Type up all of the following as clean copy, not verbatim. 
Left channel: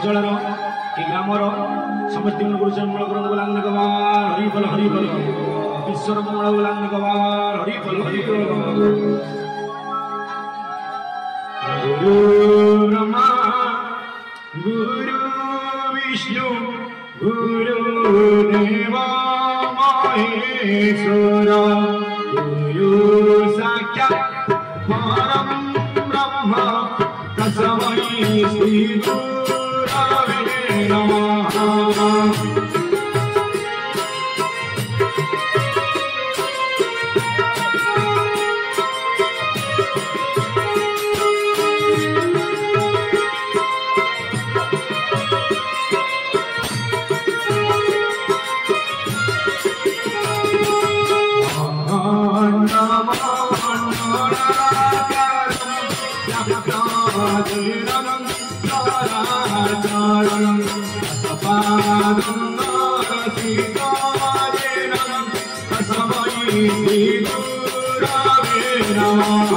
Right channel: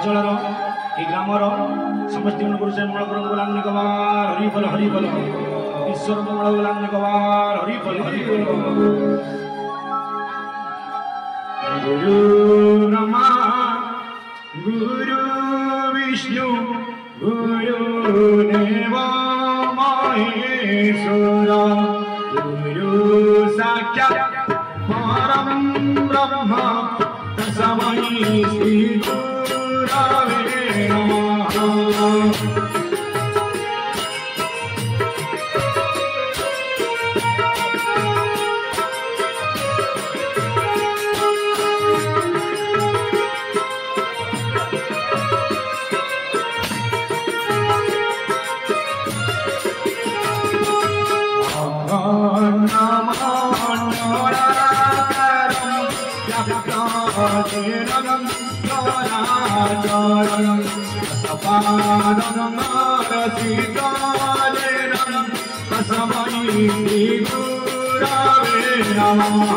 ଅଞ୍ଚଳର ଏ ଗ୍ରାମର ସମସ୍ତ ଗୁରୁଜନ ମୂଳ ଗ୍ରହଣ ଗୋଲାଙ୍ଗି ଗବାର ହରି ବଲ ଈଶ୍ୱର ମୂଳ ଗୋଲାଙ୍ଗି ଗବାର ହରି ବଲ ଗୁରୁ ବ୍ରହ୍ମା ଗୁରୁ ବିଷ୍ଣୁ गुरु देव महेश्वर गुरु साक्षात् परम ब्रह्म तस्मै श्री गुरवे नमः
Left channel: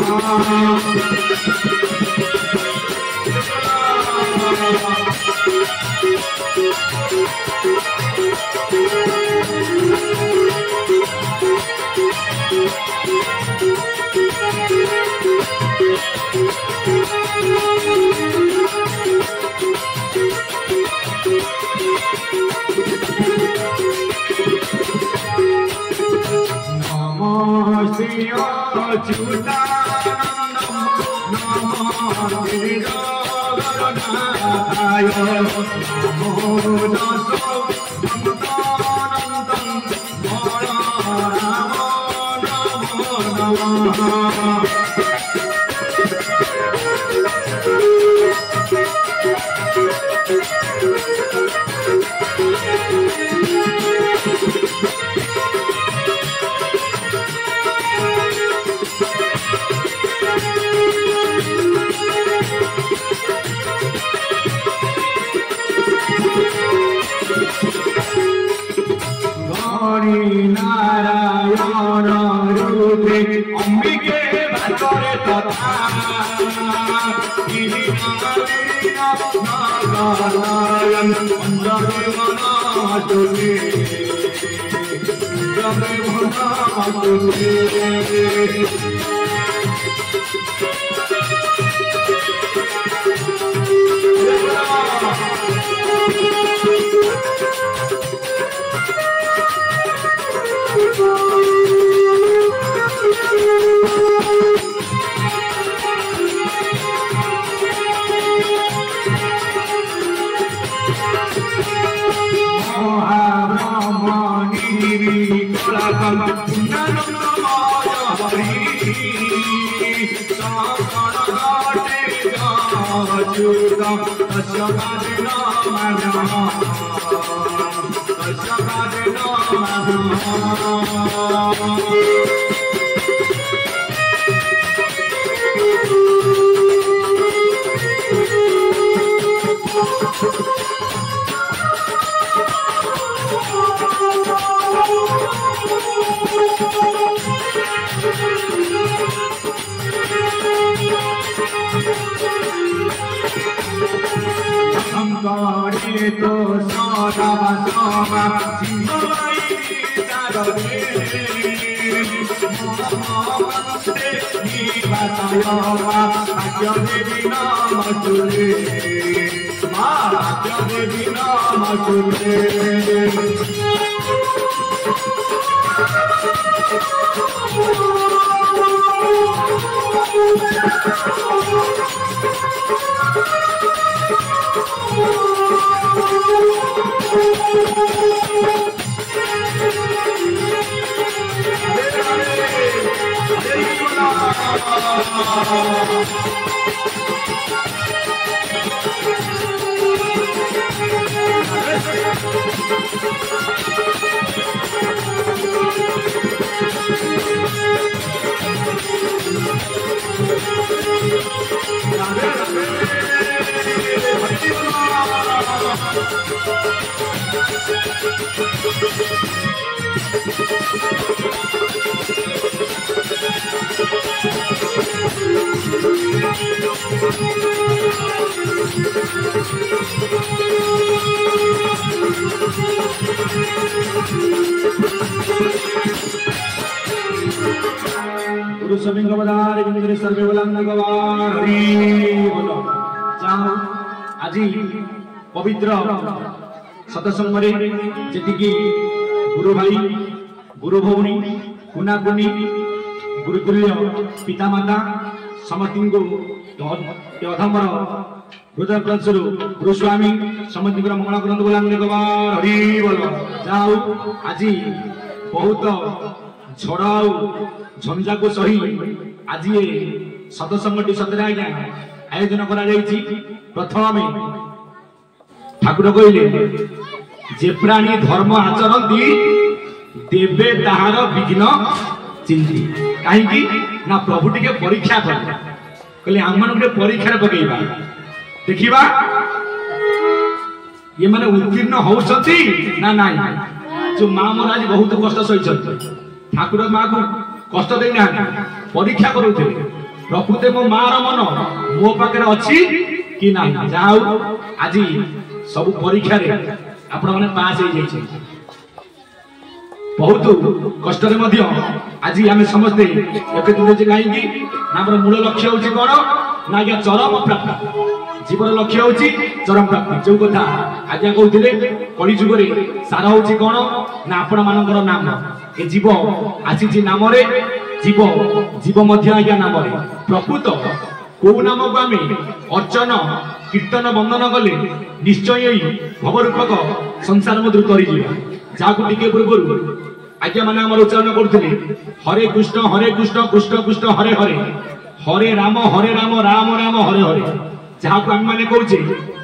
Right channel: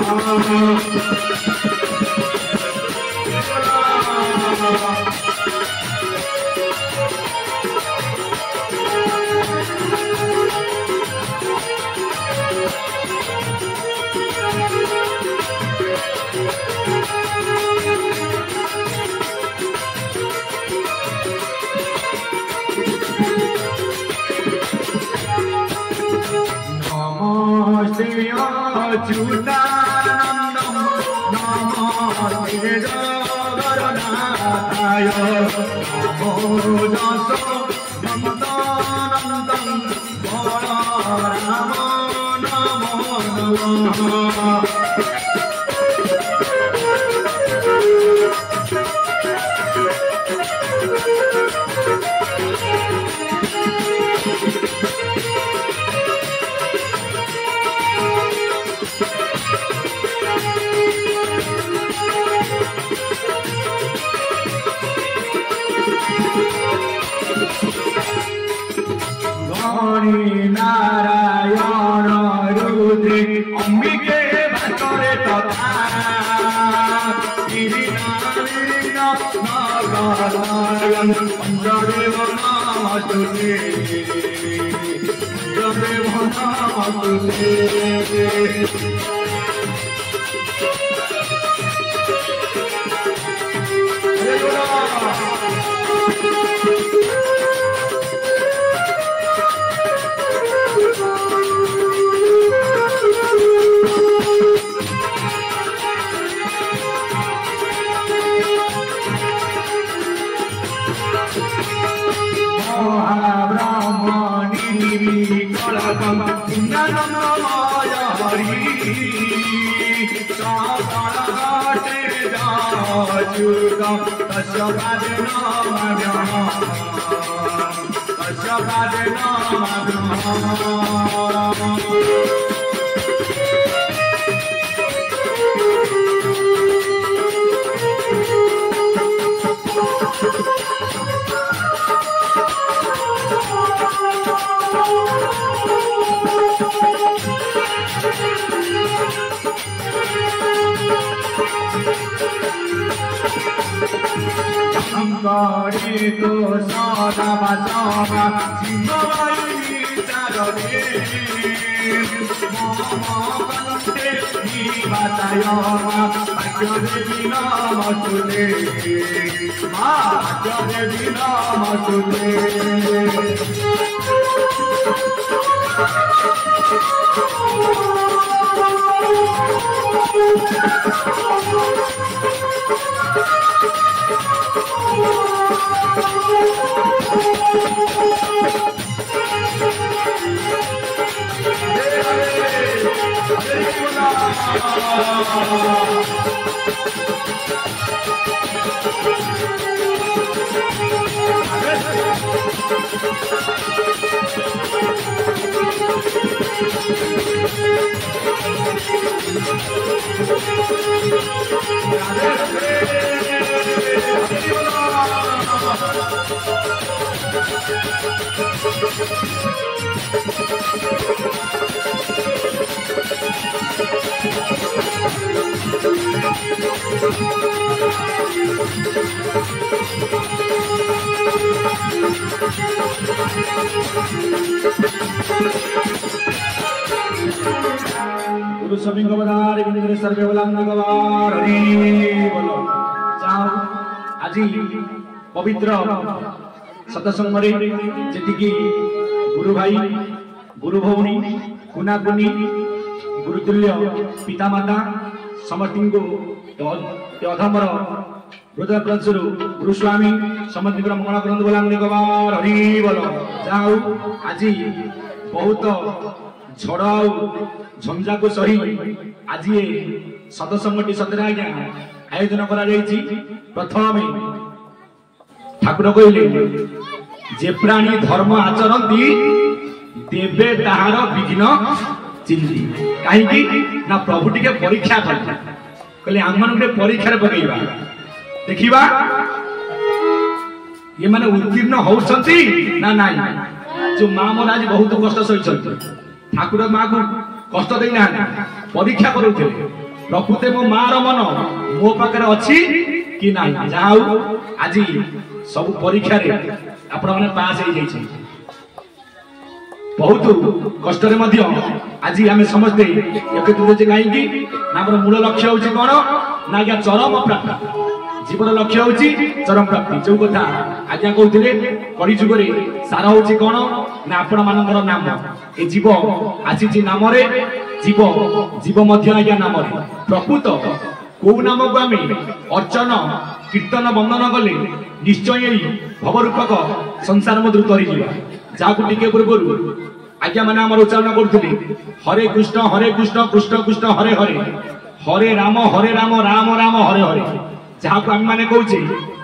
गुरु स्वामी गवदार बिंदुरे सर्वे बलांग गवार हरि बोलो जाओ आज पवित्र सतसंगरे जेतिकी गुरु भाई गुरु भौणी कुना कुनी गुरुतुल्य पिता माता समस्त को अधमर हृदय प्रचुर गुरुस्वामी समस्त मंगल ग्रंथ बलांग गवार हरि बोलो जाओ आज बहुत झड़ झंझा को सही आज ये सतसंगटी सतरे आज्ञा आयोजन करा जायछि। प्रथम ठाकुर कहले जे प्राणी धर्म आचरती देवे ताहार विघ्न चिंती कहीं ना प्रभु टिके परीक्षा कहले आम मान परीक्षा पकेबा देखिबा ये माने उत्तीर्ण होउछंती ना नाई जो मां मोर आज बहुत कष्ट सहिछंती ठाकुर माँ को कष्ट देना परीक्षा करुले प्रकृति मो मार मन मो पाखे अच्छी कि ना जाऊ आज सब परीक्षा आपण मैंने पास हो जाइए बहुत कष्ट आज आम समस्ते एकत्रित कहीं मूल लक्ष्य हूँ कौन ना आज्ञा चरम प्राप्ति जीवन लक्ष्य हूँ चरम प्राप्ति जो कथा आज्ञा कहते कलिजुगे सार हूँ कौन ना आपण मानकर नाम ए जीव आसी नाम जीव जीव मध्य आज्ञा नाम प्रकृत कौ नाम को आम अर्चन कीर्तन बंदन कले निश्चय भवरूपक संसार मध्य तरी जहाँ टे पूर्व आज्ञा मैंने आम उच्चारण करते हरे कृष्ण कृष्ण कृष्ण हरे हरे हरे राम राम राम हरे हरे जहाँ को आम मैंने कहे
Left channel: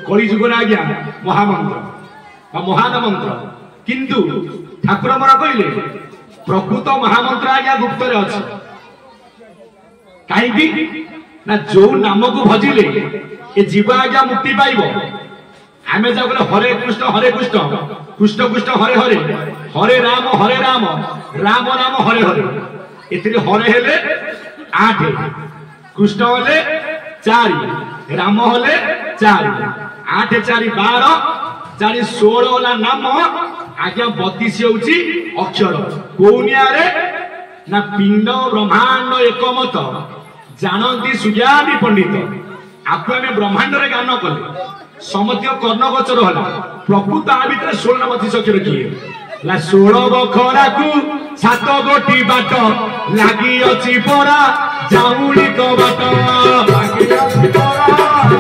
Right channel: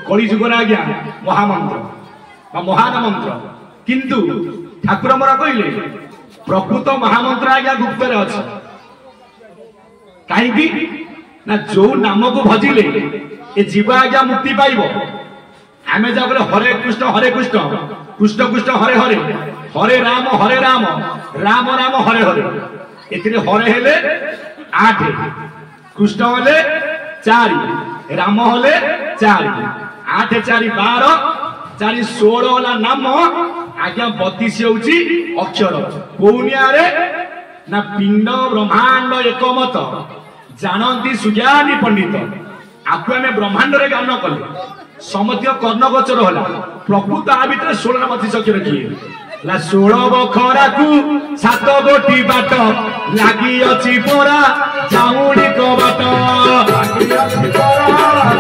कलिजुगर आज्ञा महामंत्र महान मंत्र किंतु ठाकुर मोर कहले प्रकृत महामंत्र आज्ञा गुप्त अच्छी कहीं ना जो नाम को भजिले ए जीव आज्ञा मुक्ति पाइब आम जा हरे कृष्ण कृष्ण कृष्ण हरे हरे हरे राम राम राम हरे हरे एथिरे हरे हेले 8 कृष्ण हेले 4 राम हेले 4 8 4 12 4 16 वाला नाम आज्ञा 32 होउची अक्षर कोनिया रे ना पिंड ब्रह्मांड एकमत जानती सुज्ञानी पंडित आपको आम ब्रह्मांड रे गान कले समस्त कर्णगोचर होला प्रकृत आ भीतर 16 32 अक्षर किए ला 16 बखरा को 7 गोटी बाट लागी अछि परा जाउनी कबाट लागी अछि परा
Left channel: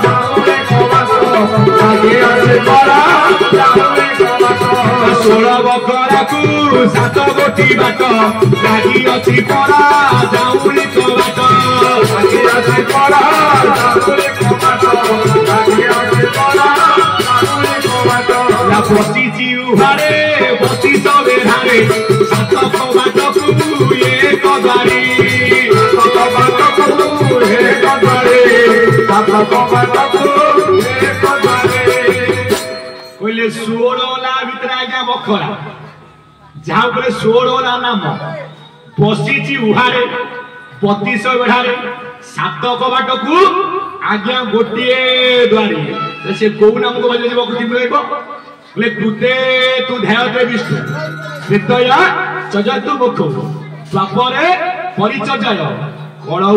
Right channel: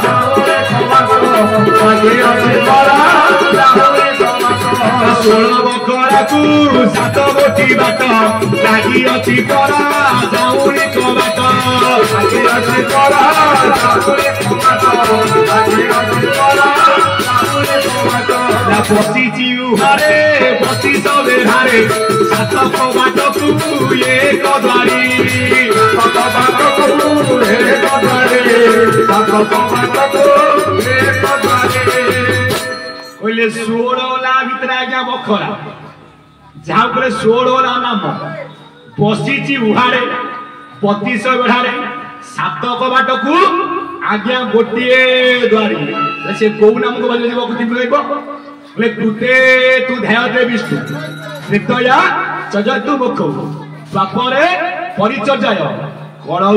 जाउनी कबाट लागी अछि परा जाउनी कबाट 16 बखरा को 7 गोटी बाट लागी अछि परा जाउनी कबाट लागी अछि परा जाउनी कबाट लागी अछि परा जाउनी कबाट ला पसी जिउहारे पसी सबे हारे 7 कबाट को एक द्वारी 7 कबाट को एक द्वारी 7 कबाट को एक द्वारी ओले 16 ला भीतर आज्ञा बखरा जहाँ पर 16 ला नाम पसी उहारे 32 बेढ़ारे 7 कबाट को आज्ञा गोटे द्वारी से कौ नाम को भले बकुति मिलैब बोले कृते तू ध्याते विष्णु कृतया चजतु मुख द्वापरे परिचर्याय कलौ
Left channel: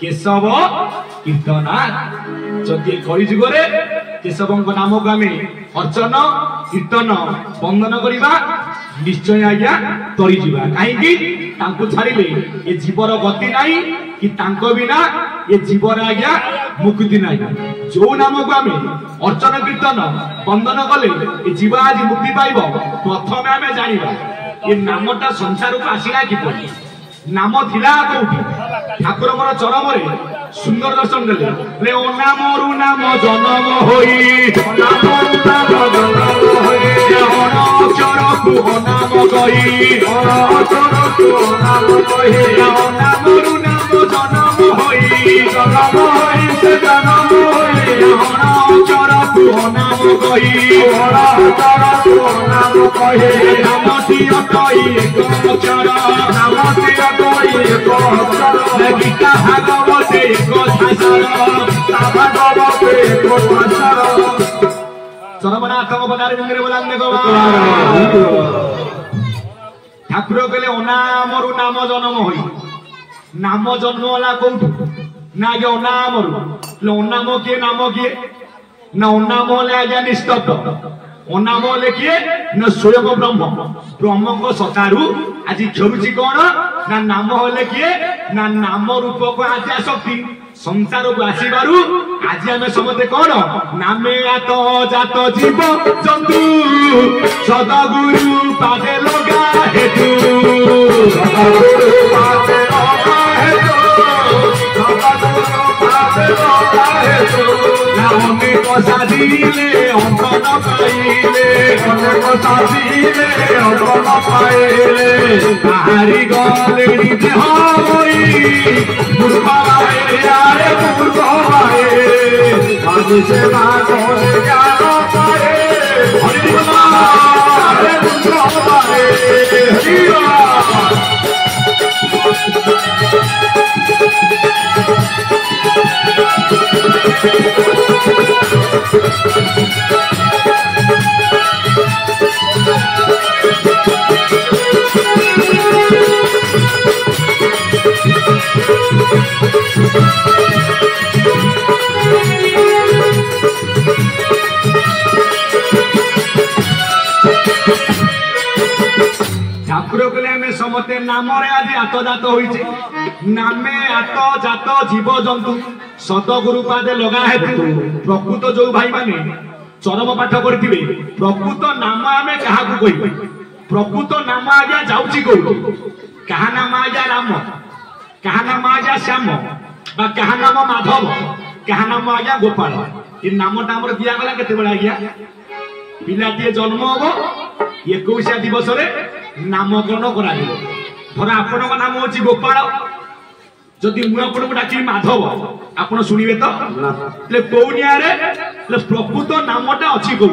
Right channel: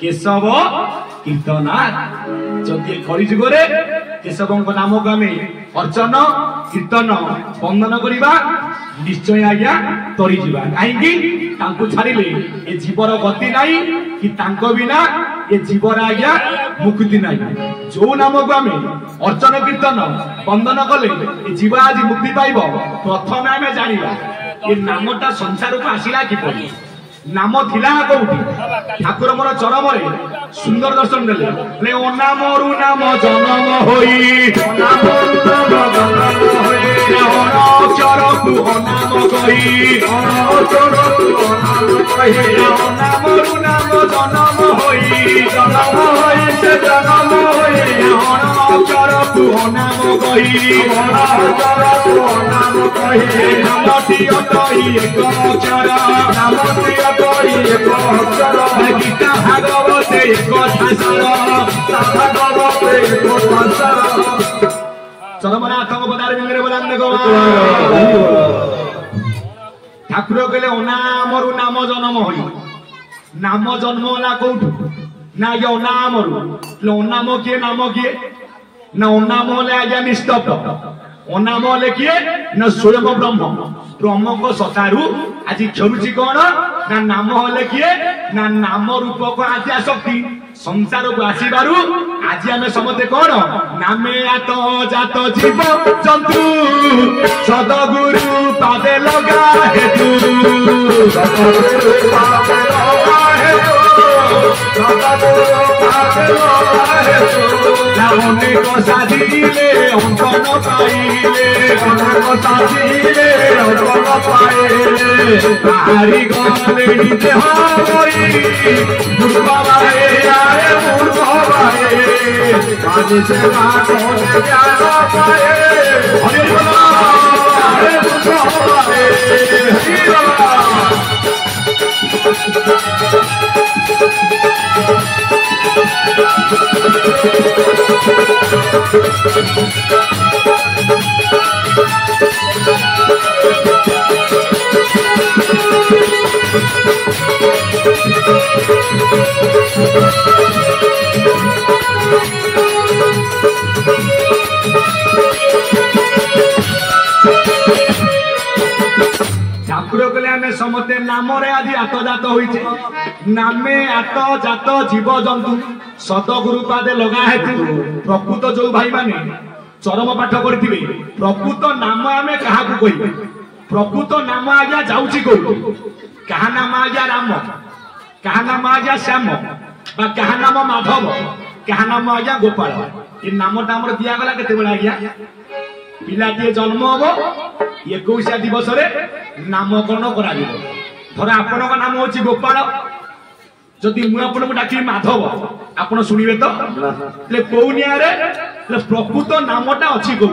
केशव कीर्तना जदि कलिजुगरे केशवଙ୍କ नाम को आम अर्चन कीर्तन बंदन करवा निश्चय आज्ञा तरी जीवा कहीं छाड़िले ये जीवर गति नहीं कि बिना ये जीवर आज्ञा मुक्ति नहीं जो नाम को आम अर्चन कीर्तन बंदन कले ये जीव आज मुक्ति पाइब प्रथम आम जाना ये नामटा संसार को आसला कि नाम थिला कोठी ठाकुर मोर चरम रे सुंदर दर्शन देले ले ओ नामरु नाम जन्म होई नामरु नाम जन्म होई अक्षर तू नाम गई अक्षर तू नाम गई नामरु नाम जन्म होई से जन्म होई अक्षर तू नाम गई अक्षर तू नाम गई नामटी अटई एक अक्षर नामटी अटई एक अक्षर गीता भागवते एक चरमने आतंक बिंदरे बोलांदे गो ठाकुर कहले अनामरु नाम जन्म होई नाम जन्म वाला कोठु ना ये अनामरु अनाम किए नाम किए ना अनाम होले आज्ञा निस्तब्ध अनाम होले किए ना स्वयं ब्रह्म ब्रह्म को सतारू आज क्षमुची कौन ना नाम होले किए ना नाम रूप को आद्या शक्ति संसार को आसीबारु आज आम समझे कौन नामे तो जात जीव जंतु सदगुरु पादे लगा हेतु अनेक साधिले अंकन पाइले अनेक साधिले अंकन पाइले तारी गले देह मूर्खबाए आरे मूर्खबाए आज सेवा करे ज्ञान पाए हरे मूर्खबाए ठाकुर कहले आम समते नाम आज आतजात होइछे नामे आतजात जीव जंतु सतगुरु पादे लगा हेतु प्रकृत जो भाई माने चरम पाठ करथिबे प्रकृत नाम आमे काहाकु कहिबे प्रकृत नाम आज्ञा जाउची को काहा नाम आज्ञा राम काहा नाम आज्ञा श्याम बा काहा नाम माधव काहा नाम आज्ञा गोपाल इ नामटा हमर दिया गला केते बेला आज्ञा पिलाटिए जन्म होबो 21 दिवस रे नामकरण करा दिबो धर आपन नाम होची गोपाल जदि मु आपन को डाकी माधव आपन सुनिबे तो ले कोनिया रे ले प्रकृत नामटा अछि को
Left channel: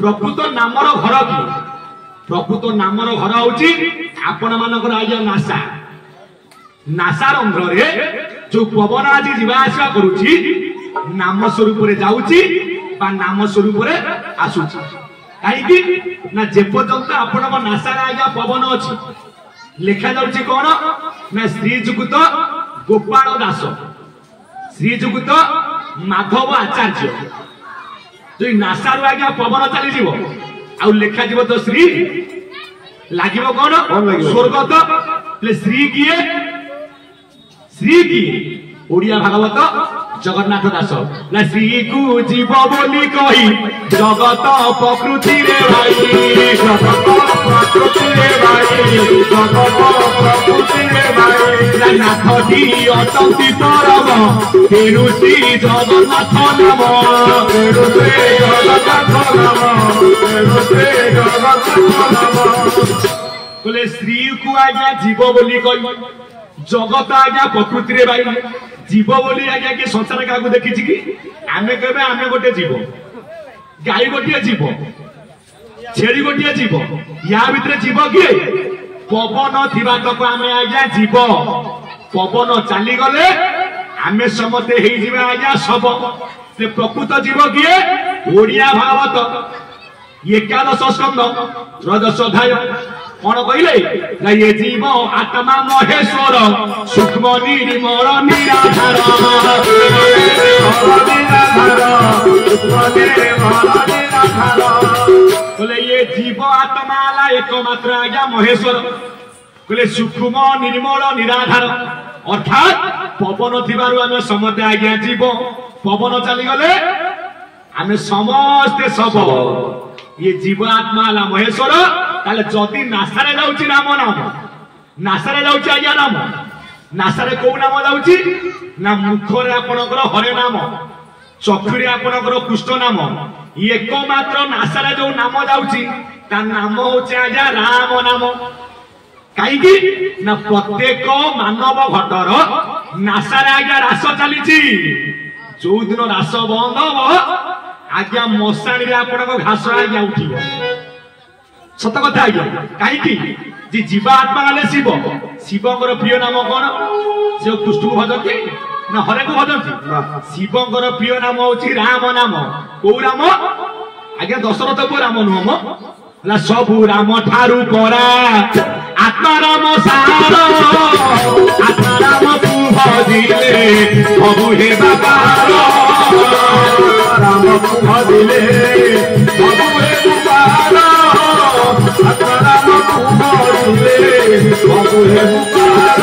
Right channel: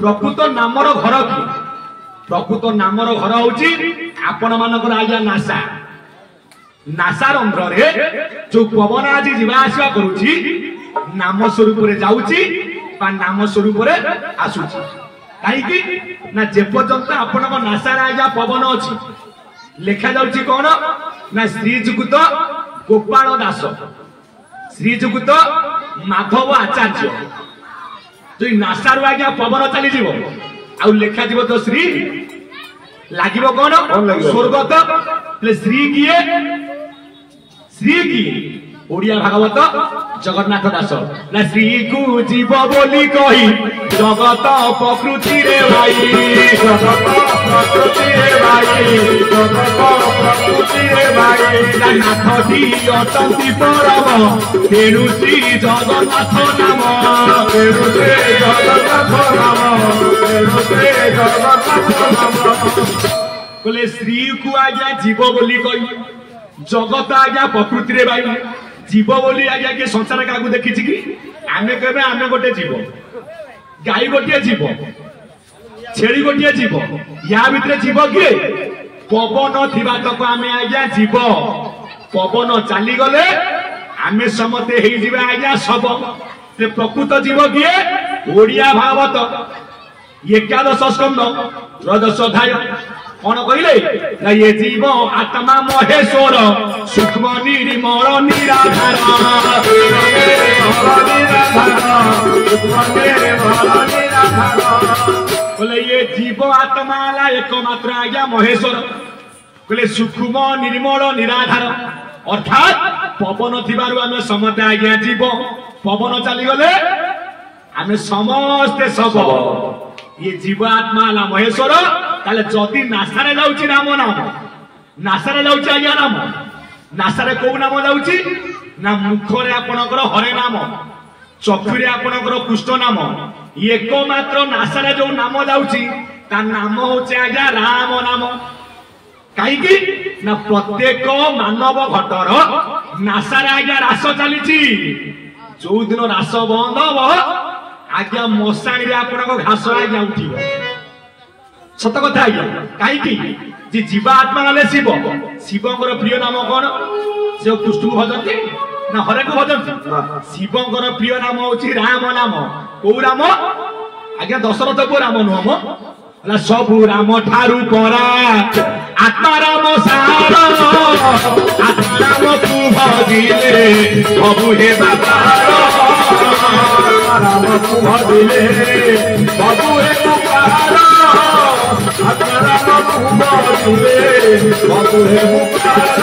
प्रकृत नामर घर की प्रकृत नामर घर होची आपन मानकर आज्ञा नासा नासा रंध्र रे जो पवन आज जीवा आसवा करूची नाम स्वरूप रे जाउची बा नाम स्वरूप रे आसुची काई की ना जे पर्यंत आपण नासा रे आज्ञा पवन अछि लेखा जाउची कोन ना श्री जुगत गोपाल दास श्री जुगत माधव आचार्य जो नासा रे आज्ञा पवन चली जीवो आ लेखा जीव तो श्री लागिबो कोन स्वर्गत ले श्री किए ओडिया भागवत जगन्नाथ दास ना श्री को जीव बोली कही जगत प्रकृति रे भाई जगत प्रकृति रे भाई जगत प्रकृति रे भाई नाथ दी अटंती परम तेरु श्री जगन्नाथ नाम तेरु श्री जगन्नाथ नाम तेरु श्री जगन्नाथ नाम बोले श्री को आज्ञा जीव बोली कही जगत आज्ञा प्रकृति रे भाई जीव बोली आज्ञा के संसार का देखी कि आमे कहबे आमे गोटे जीव गाई गोटे जीव छेड़ी गोटे जीव या भितर जीव किए पवन थिबा तक आमे आज्ञा जीव पवन चली गले आमे समते हेई जीवा आज्ञा सब से प्रकृत जीव किए ओडिया भागवत 11 स्कंद 13 अध्याय कौन कहले ना ये जीव आत्मा महेश्वर सूक्ष्म निर्मल निराधार बोले ये जीव आत्मा ला एकमात्र आज्ञा महेश्वर बोले सूक्ष्म निर्मल निराधार अर्थात पवन थिबारु आमे समते आज्ञा जीव पवन चली गले आमे समस्ते सब ये जीव आत्मा ला महेश्वर ताले जदि नासारे जाउची राम नाम नासारे जाउची आज्ञा नाम नासारे को नाम जाउची ना मुखरे आपनकर हरे नाम चक्षुरे आपनकर कृष्ण नाम एकमात्र नासारे जो नाम जाउची ता नाम होचे आज्ञा राम नाम काईकी ना प्रत्येक मानव घटर नासारे आज्ञा रास चलीची जो दिन रास बंद हो आज्ञा मशाणी रे आपनको घास आज्ञा उठिबो सत कथा आज्ञा काईकी जे जीवात्मा गले शिव शिवंकर प्रिय नाम कोन से कृष्ण भजती ना हरे को भजती शिवंकर प्रिय नाम होची राम नाम को राम आज्ञा दशरथ को राम नुह मो सबू राम ठारू परा आत्मा राम सार आत्मा राम तू भजिले सबू हे बाबार राम तू भजिले सबू हे बाबार आत्मा राम तू भजिले सबू हे बाबार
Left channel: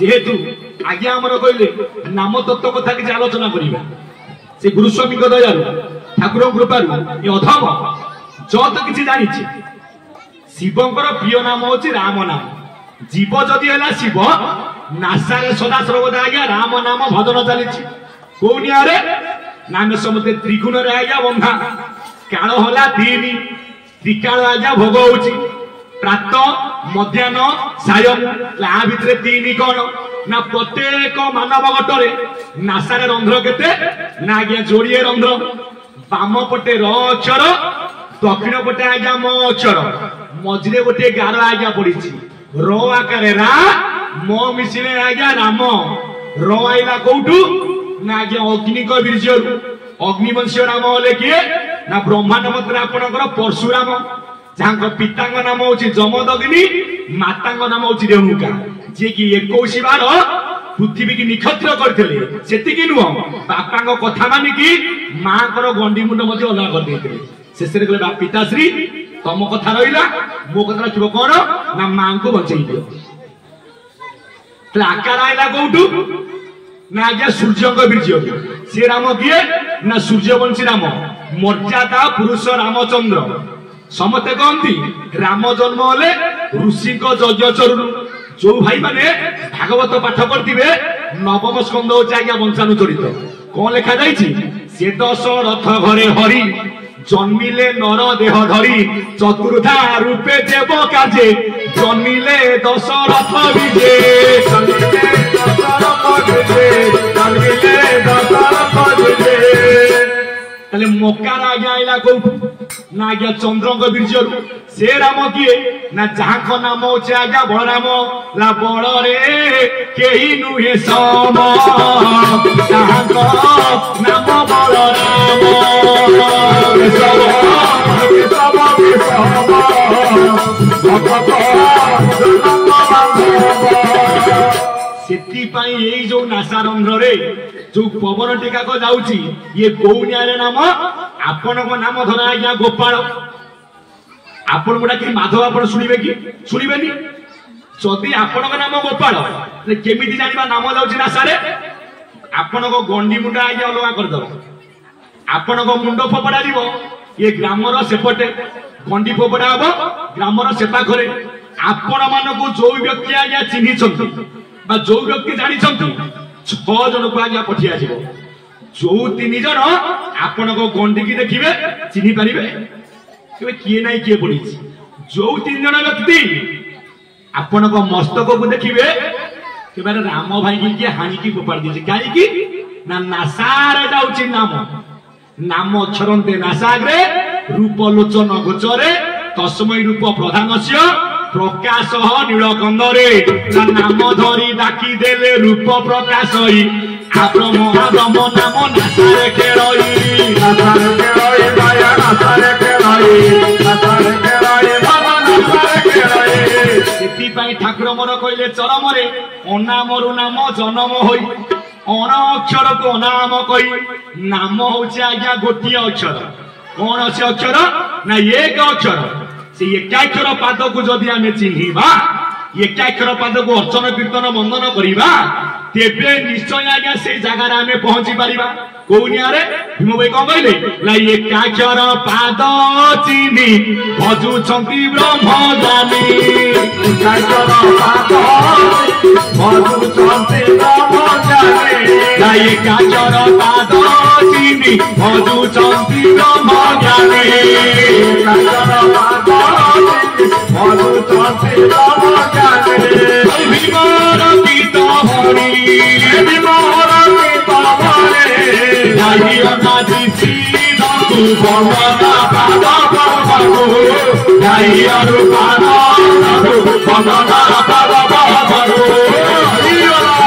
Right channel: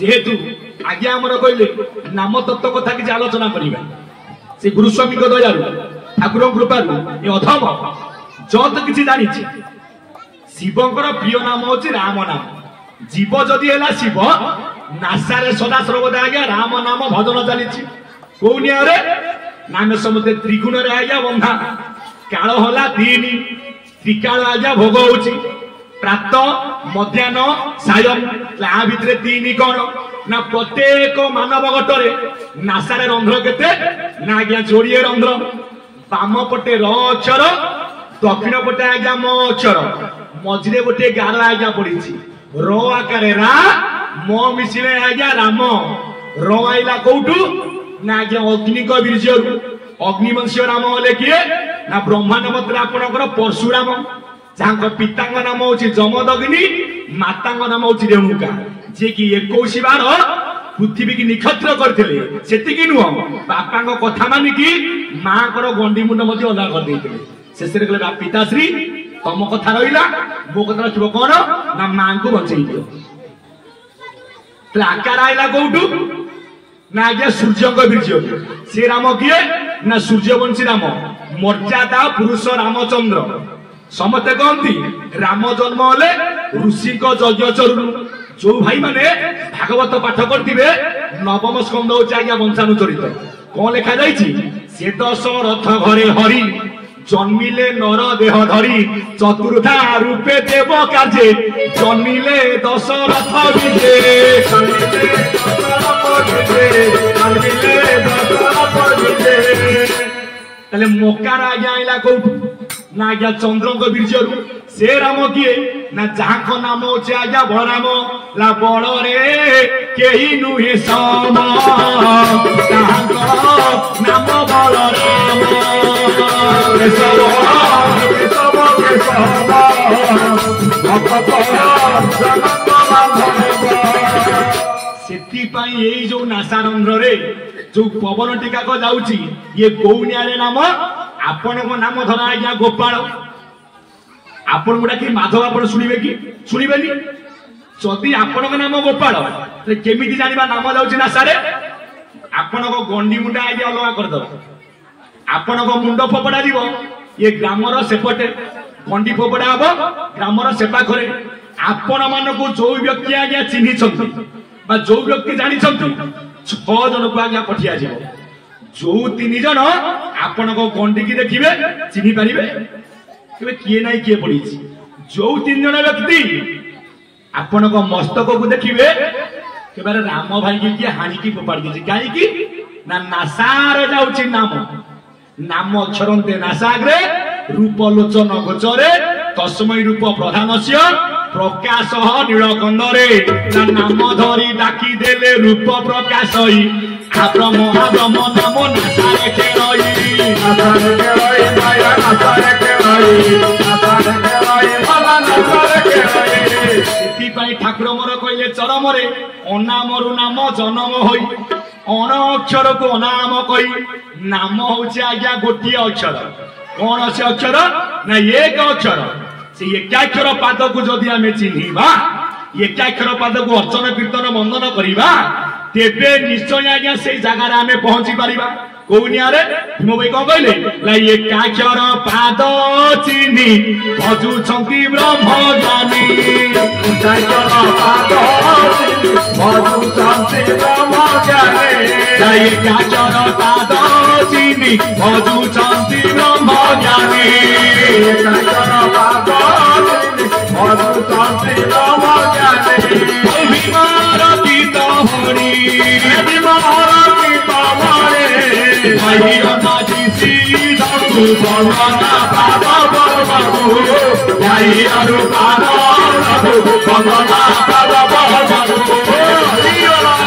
जेहेतु आज्ञा आमर कहले नाम तत्व कथा कि आलोचना करिबा से गुरुस्वामी को दयालु ठाकुर कृपार ये अधम जत किसी जानी शिवंकर प्रिय नाम होची राम नाम जीव जदि है शिव नासारे सदा सर्वदा आज्ञा राम नाम भजन चली कौनिया नाम समते त्रिगुण रे आज्ञा बंधा काल होला तीन त्रिकाल आज्ञा भोग होची प्रात मध्याह्न सायं आ भितरे तीन कौन ना प्रत्येक मानव गटरे नासारे रंध्र केते ना आज्ञा जोड़िए रंध्र बाम पटे र अक्षर दक्षिण पटे आज्ञा म अक्षर मझिरे गोटे गार आज्ञा पड़ी र आकार रा म मिसिले आज्ञा राम र आइला कोठू ना आज्ञा अग्नि को वीर्य अग्निवंशीय राम होले किए ना ब्रह्मांड मत आपणकर परशुराम जहाँ पितांग नाम हूँ जमदग्नि मातांग नाम हूँ रेणुका जे कि 21 बार पृथ्वी की निक्षत्र करते नुह बापा कथा मानिकी माँ गंडी मुंड अलग कर शेष पिताश्री तम कथा रहा मो कथा रखिब कौन ना माँ को बचई दियो आकार आईला कौटू ना आज्ञा सूर्य वीर्य से राम किए ना सूर्यवंशी राम मर्यादा पुरुष रामचंद्र समते कहती राम जन्म हेले ऋषि यज्ञ चरु जो भाई माने भागवत पाठ करथिबे नवम स्कंद होची आज्ञा वंशानुचरित कौन लिखा जाइछि से दशरथ घरे हरि जन्मिले नर देह धरी चतुर्धा रूपे देव कार्ये जन्मिले दशरथ विजे तले मकार आज्ञा आइला कोठू ना आज्ञा चंद्रंग वीर्य से राम किए ना जहाँ नाम होचे आज्ञा बलराम ला बल रे केही नुहे सम जहाँ नाम बलराम सेतिपाई एई जो नासारंध्र रे जो पवन टीका को जाउची ये गौनिया रे नाम आपण को नाम धरा आज्ञा गोपाल आपण गुडा कि माधव आपण सुनिबे कि सुनिबेनी जदि आपण को नाम गोपाल ते केमिति जानिबा नाम जाउची नासारे आपण को गंडी मुंडा आज्ञा अलगा कर दो आपण को मुंड फोपडा दिबो ये ग्रामर सेपटे गंडी फोपडा हबो ग्रामर सेपा करे आपण मानको जो व्यक्ति आज्ञा चिन्हि छथि बा जो व्यक्ति जानि छथि 6 जन को आज्ञा पठिया जिवो जो 3 जन आपण को गंडी की देखिबे चिन्हि परिबे केबे किए नाही किए पड़ी जो 3 जन व्यक्ति आपण को मस्तक को देखिबे केबे राम भाई की हानि की फोपाड़ दिछि काई की ना नासार जाउछि नाम नाम अक्षरंते नासाग्रे रूप लोचन गोचरे तस्मै रूप प्रधानस्य प्रकाश नीलकंदरे नाम धरी डाकी देले रूप प्रकाशई आब्रम आब्रम नाम नासारे केरई माया नासारे केरई बाबा नासारे केरई सेति पई ठाकुर मोर कहले चरमरे अनामरु नाम जन्म होई अन अक्षर को अनाम कही नाम होचे आज्ञा गोटे अक्षर कौन से अक्षर ना एक अक्षर से एकाक्षर पाद को जदि आमे चिन्हिबा एकाक्षर पाद को अर्चन कीर्तन बंदन करिबा तेबे निश्चय आज्ञा से जगह आमे पहुंची पारिबा कौनिया रे भीम भाई कौन कहले ला एकाक्षर पाद चिन्हि भजुछंती ब्रह्मज्ञानी एकाक्षर पाद भजुछंती ब्रह्मज्ञानी ला एकाक्षर पाद चिन्हि भजुछंती ब्रह्मज्ञानी एकाक्षर पाद भजुछंती ब्रह्मज्ञानी भीमर गीत भरी भीमर गीत भरी नाही अनादि सीधा तू भगवाना पादा बाबू नाही अरु पादा बाबू भगवाना पादा बाबू हरिओला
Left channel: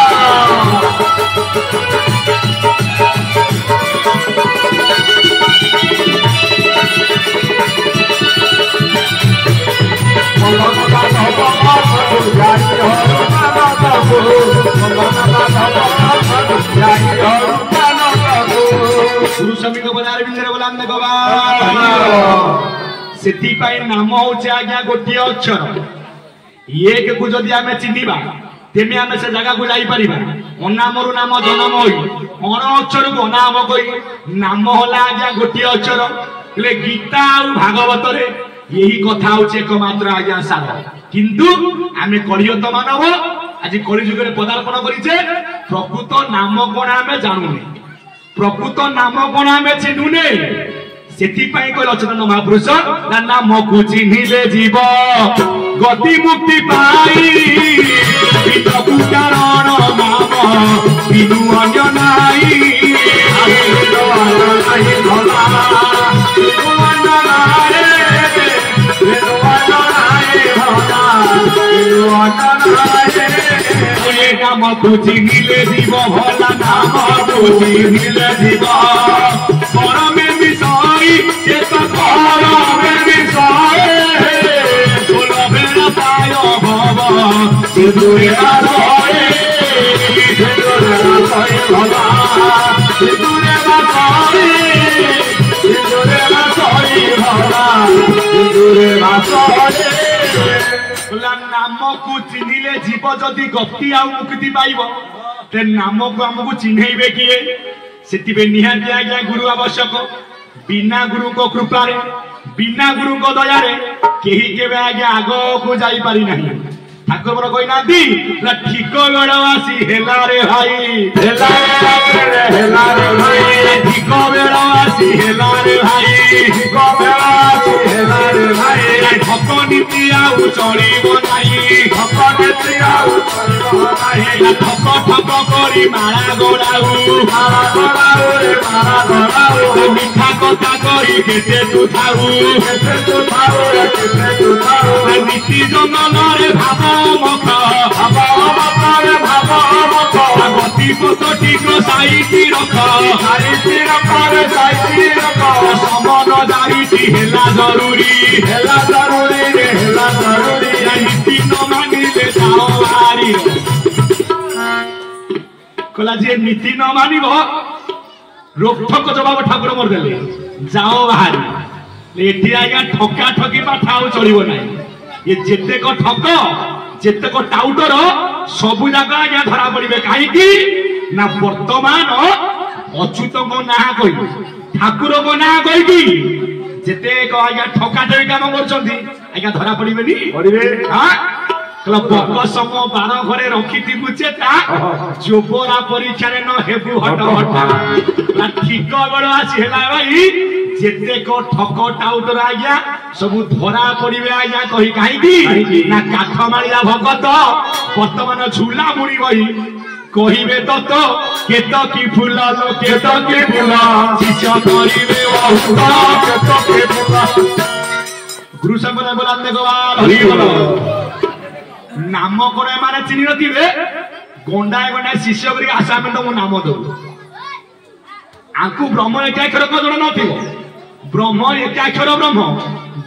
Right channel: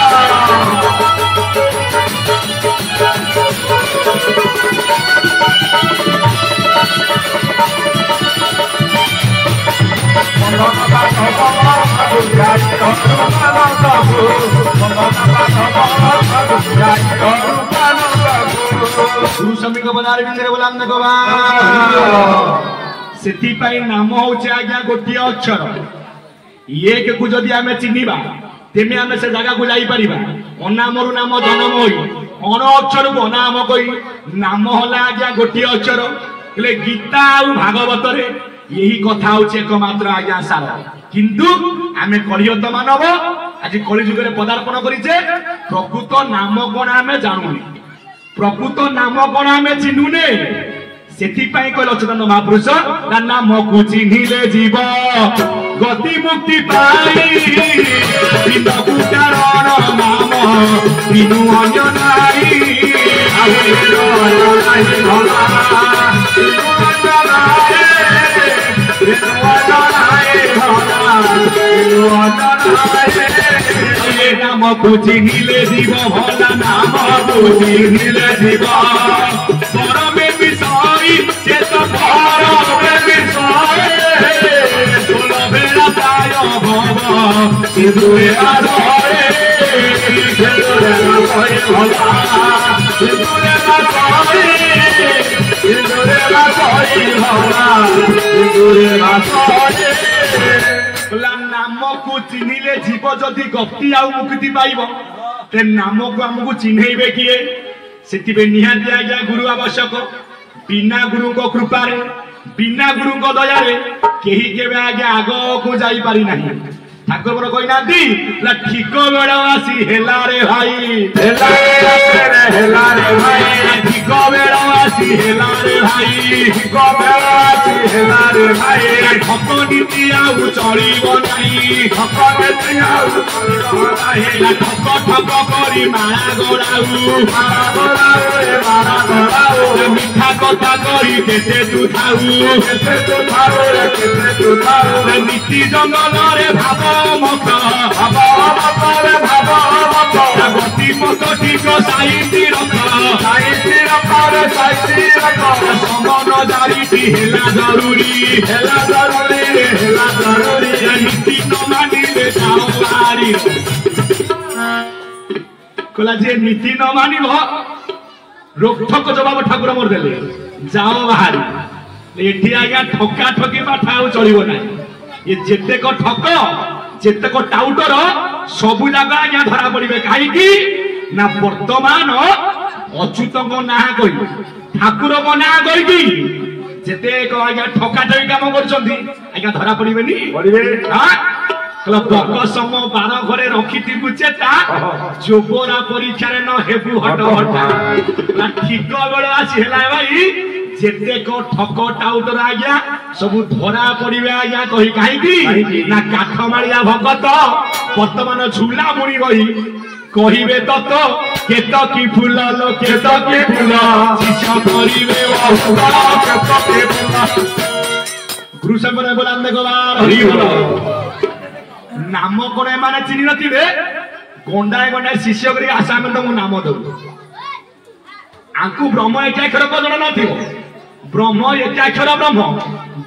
गुरु स्वामी को बजार विषय बोलान से नाम हूँ आज्ञा गोटे अक्षर एक को जदि आम चिन्हवा तेमे आम से जगह को जापर अनाम नाम जन्म हो अण अक्षर को अनाम कही नाम है आज्ञा गोटे अक्षर हेले गीता और भागवत यही कथा हूँ एकमात्र आज्ञा सार किंतु आम कलियुग मानव आज कलिजुग पदार्पण करिचे प्रकृत नाम कौन आम जानूने प्रकृत नाम कौन आम चिन्हुने से लक्ष्मण महापुरुष नाम को चिन्हिले जीव गति मुक्ति पाई कारण नाम बिनु अन्य नाई नाम को चिन्हिले जीव भला नाम को चिन्हिले जीव परमे विषय से तो परमे विषय सुलभे लताय भव सिंधुरे आधरे सिंधुरे आधरे भवा सिंधुरे आधरे सिंधुरे आधरे भवा सिंधुरे आधरे नाम को चिन्हिले जीव जदि गति आ मुक्ति पाइब ते नाम को आमको चिन्हैबे किए से निहाती आज्ञा गुरु आवश्यक बिना गुरु को कृपा बिना गुरु को दया कहीं केवे आज्ञा आग को जाई पारि नहीं ठाकुर बड़ कही ना ठीक बेड़ आसी हेला रे भाई हेला रे भाई ठीक बेड़ आसी हेला रे भाई ठीक बेड़ आसी हेला रे भाई ठक नीति आउ चलिब नाही ठक नीति आउ चलिब नाही ठक ठक करी माया गड़ाऊ रे माया गड़ाऊ मिठा कथा कही केते तू थाऊ केते तू थाऊ नीति जंगल रे भाव मख भाव मख गति पथ ठीक साइति रख रे साइति रख समन जारीति हेला जरूरी रे हेला जरूरी नीति न मानिले जाओ बारी कहला जे नीति न मानिब रोकठोक जवाब ठाकुर मोर देले जाओ बाहर एठी आज्ञा ठका ठकी पाठा आउ चलिबो नाही ये जेतेक ठक जेतेक टाउटर सबु जागा आज्ञा धरा पड़िबे काहे की ना वर्तमान अच्युतक ना कहि ठाकुरक ना कहि की जेतेक आज्ञा ठका ठकी काम करछंती आज्ञा धरा पड़िबेनी पड़िबे हां कला बक सम 12 घरे रखिति बुचेता जोबरा परीक्षा रे न हेबु हट हट ला ठीक बेड़ आसी हेला भाई जेते को ठक टाउटर आज्ञा सब धरा पड़िबे आज्ञा कहि काहे की ना काठ मारिया भगत वर्तमान झूला मुड़ी बही कहिबे तो केत की फूला लो केत के फूला शिष्य करिवे अहुता केत के फूला गुरु संबंध बोलांदे गवार हरि बोलो नाम करे माने चिनी नथिबे गोंडाय गोंडाय शिष्य करी आसामें तो नाम दो आंकु ब्रह्म एक अक्षर को जण नथिबो ब्रह्म एक अक्षर ब्रह्म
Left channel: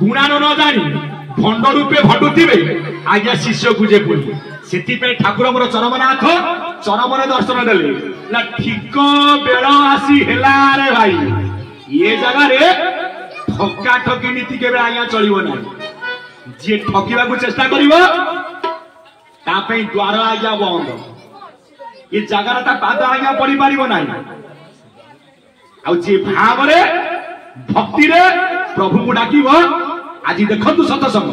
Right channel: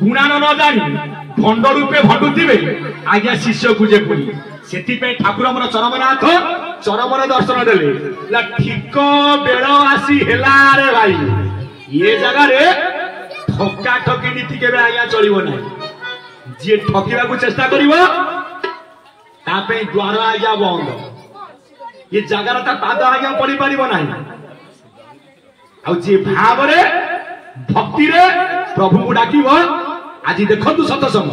गुणान न जानी भंड रूपे भटुथिबे आज्ञा शिष्य पूजे पुनी सेति पे ठाकुर मोर चरम दर्शन देले ला ठीक बेड़ आसी हेला रे भाई ये जगह रे ठका ठकी नीति केबे आज्ञा चलिबो नै जे ठकीबा को चेष्टा करिवो तापे द्वार आज्ञा बंद ये जगार ता पाद आज्ञा पड़ी पारिबो नाही आ जे भाव रे भक्ति रे प्रभु को डाकिबो आज देखंतु सतसंग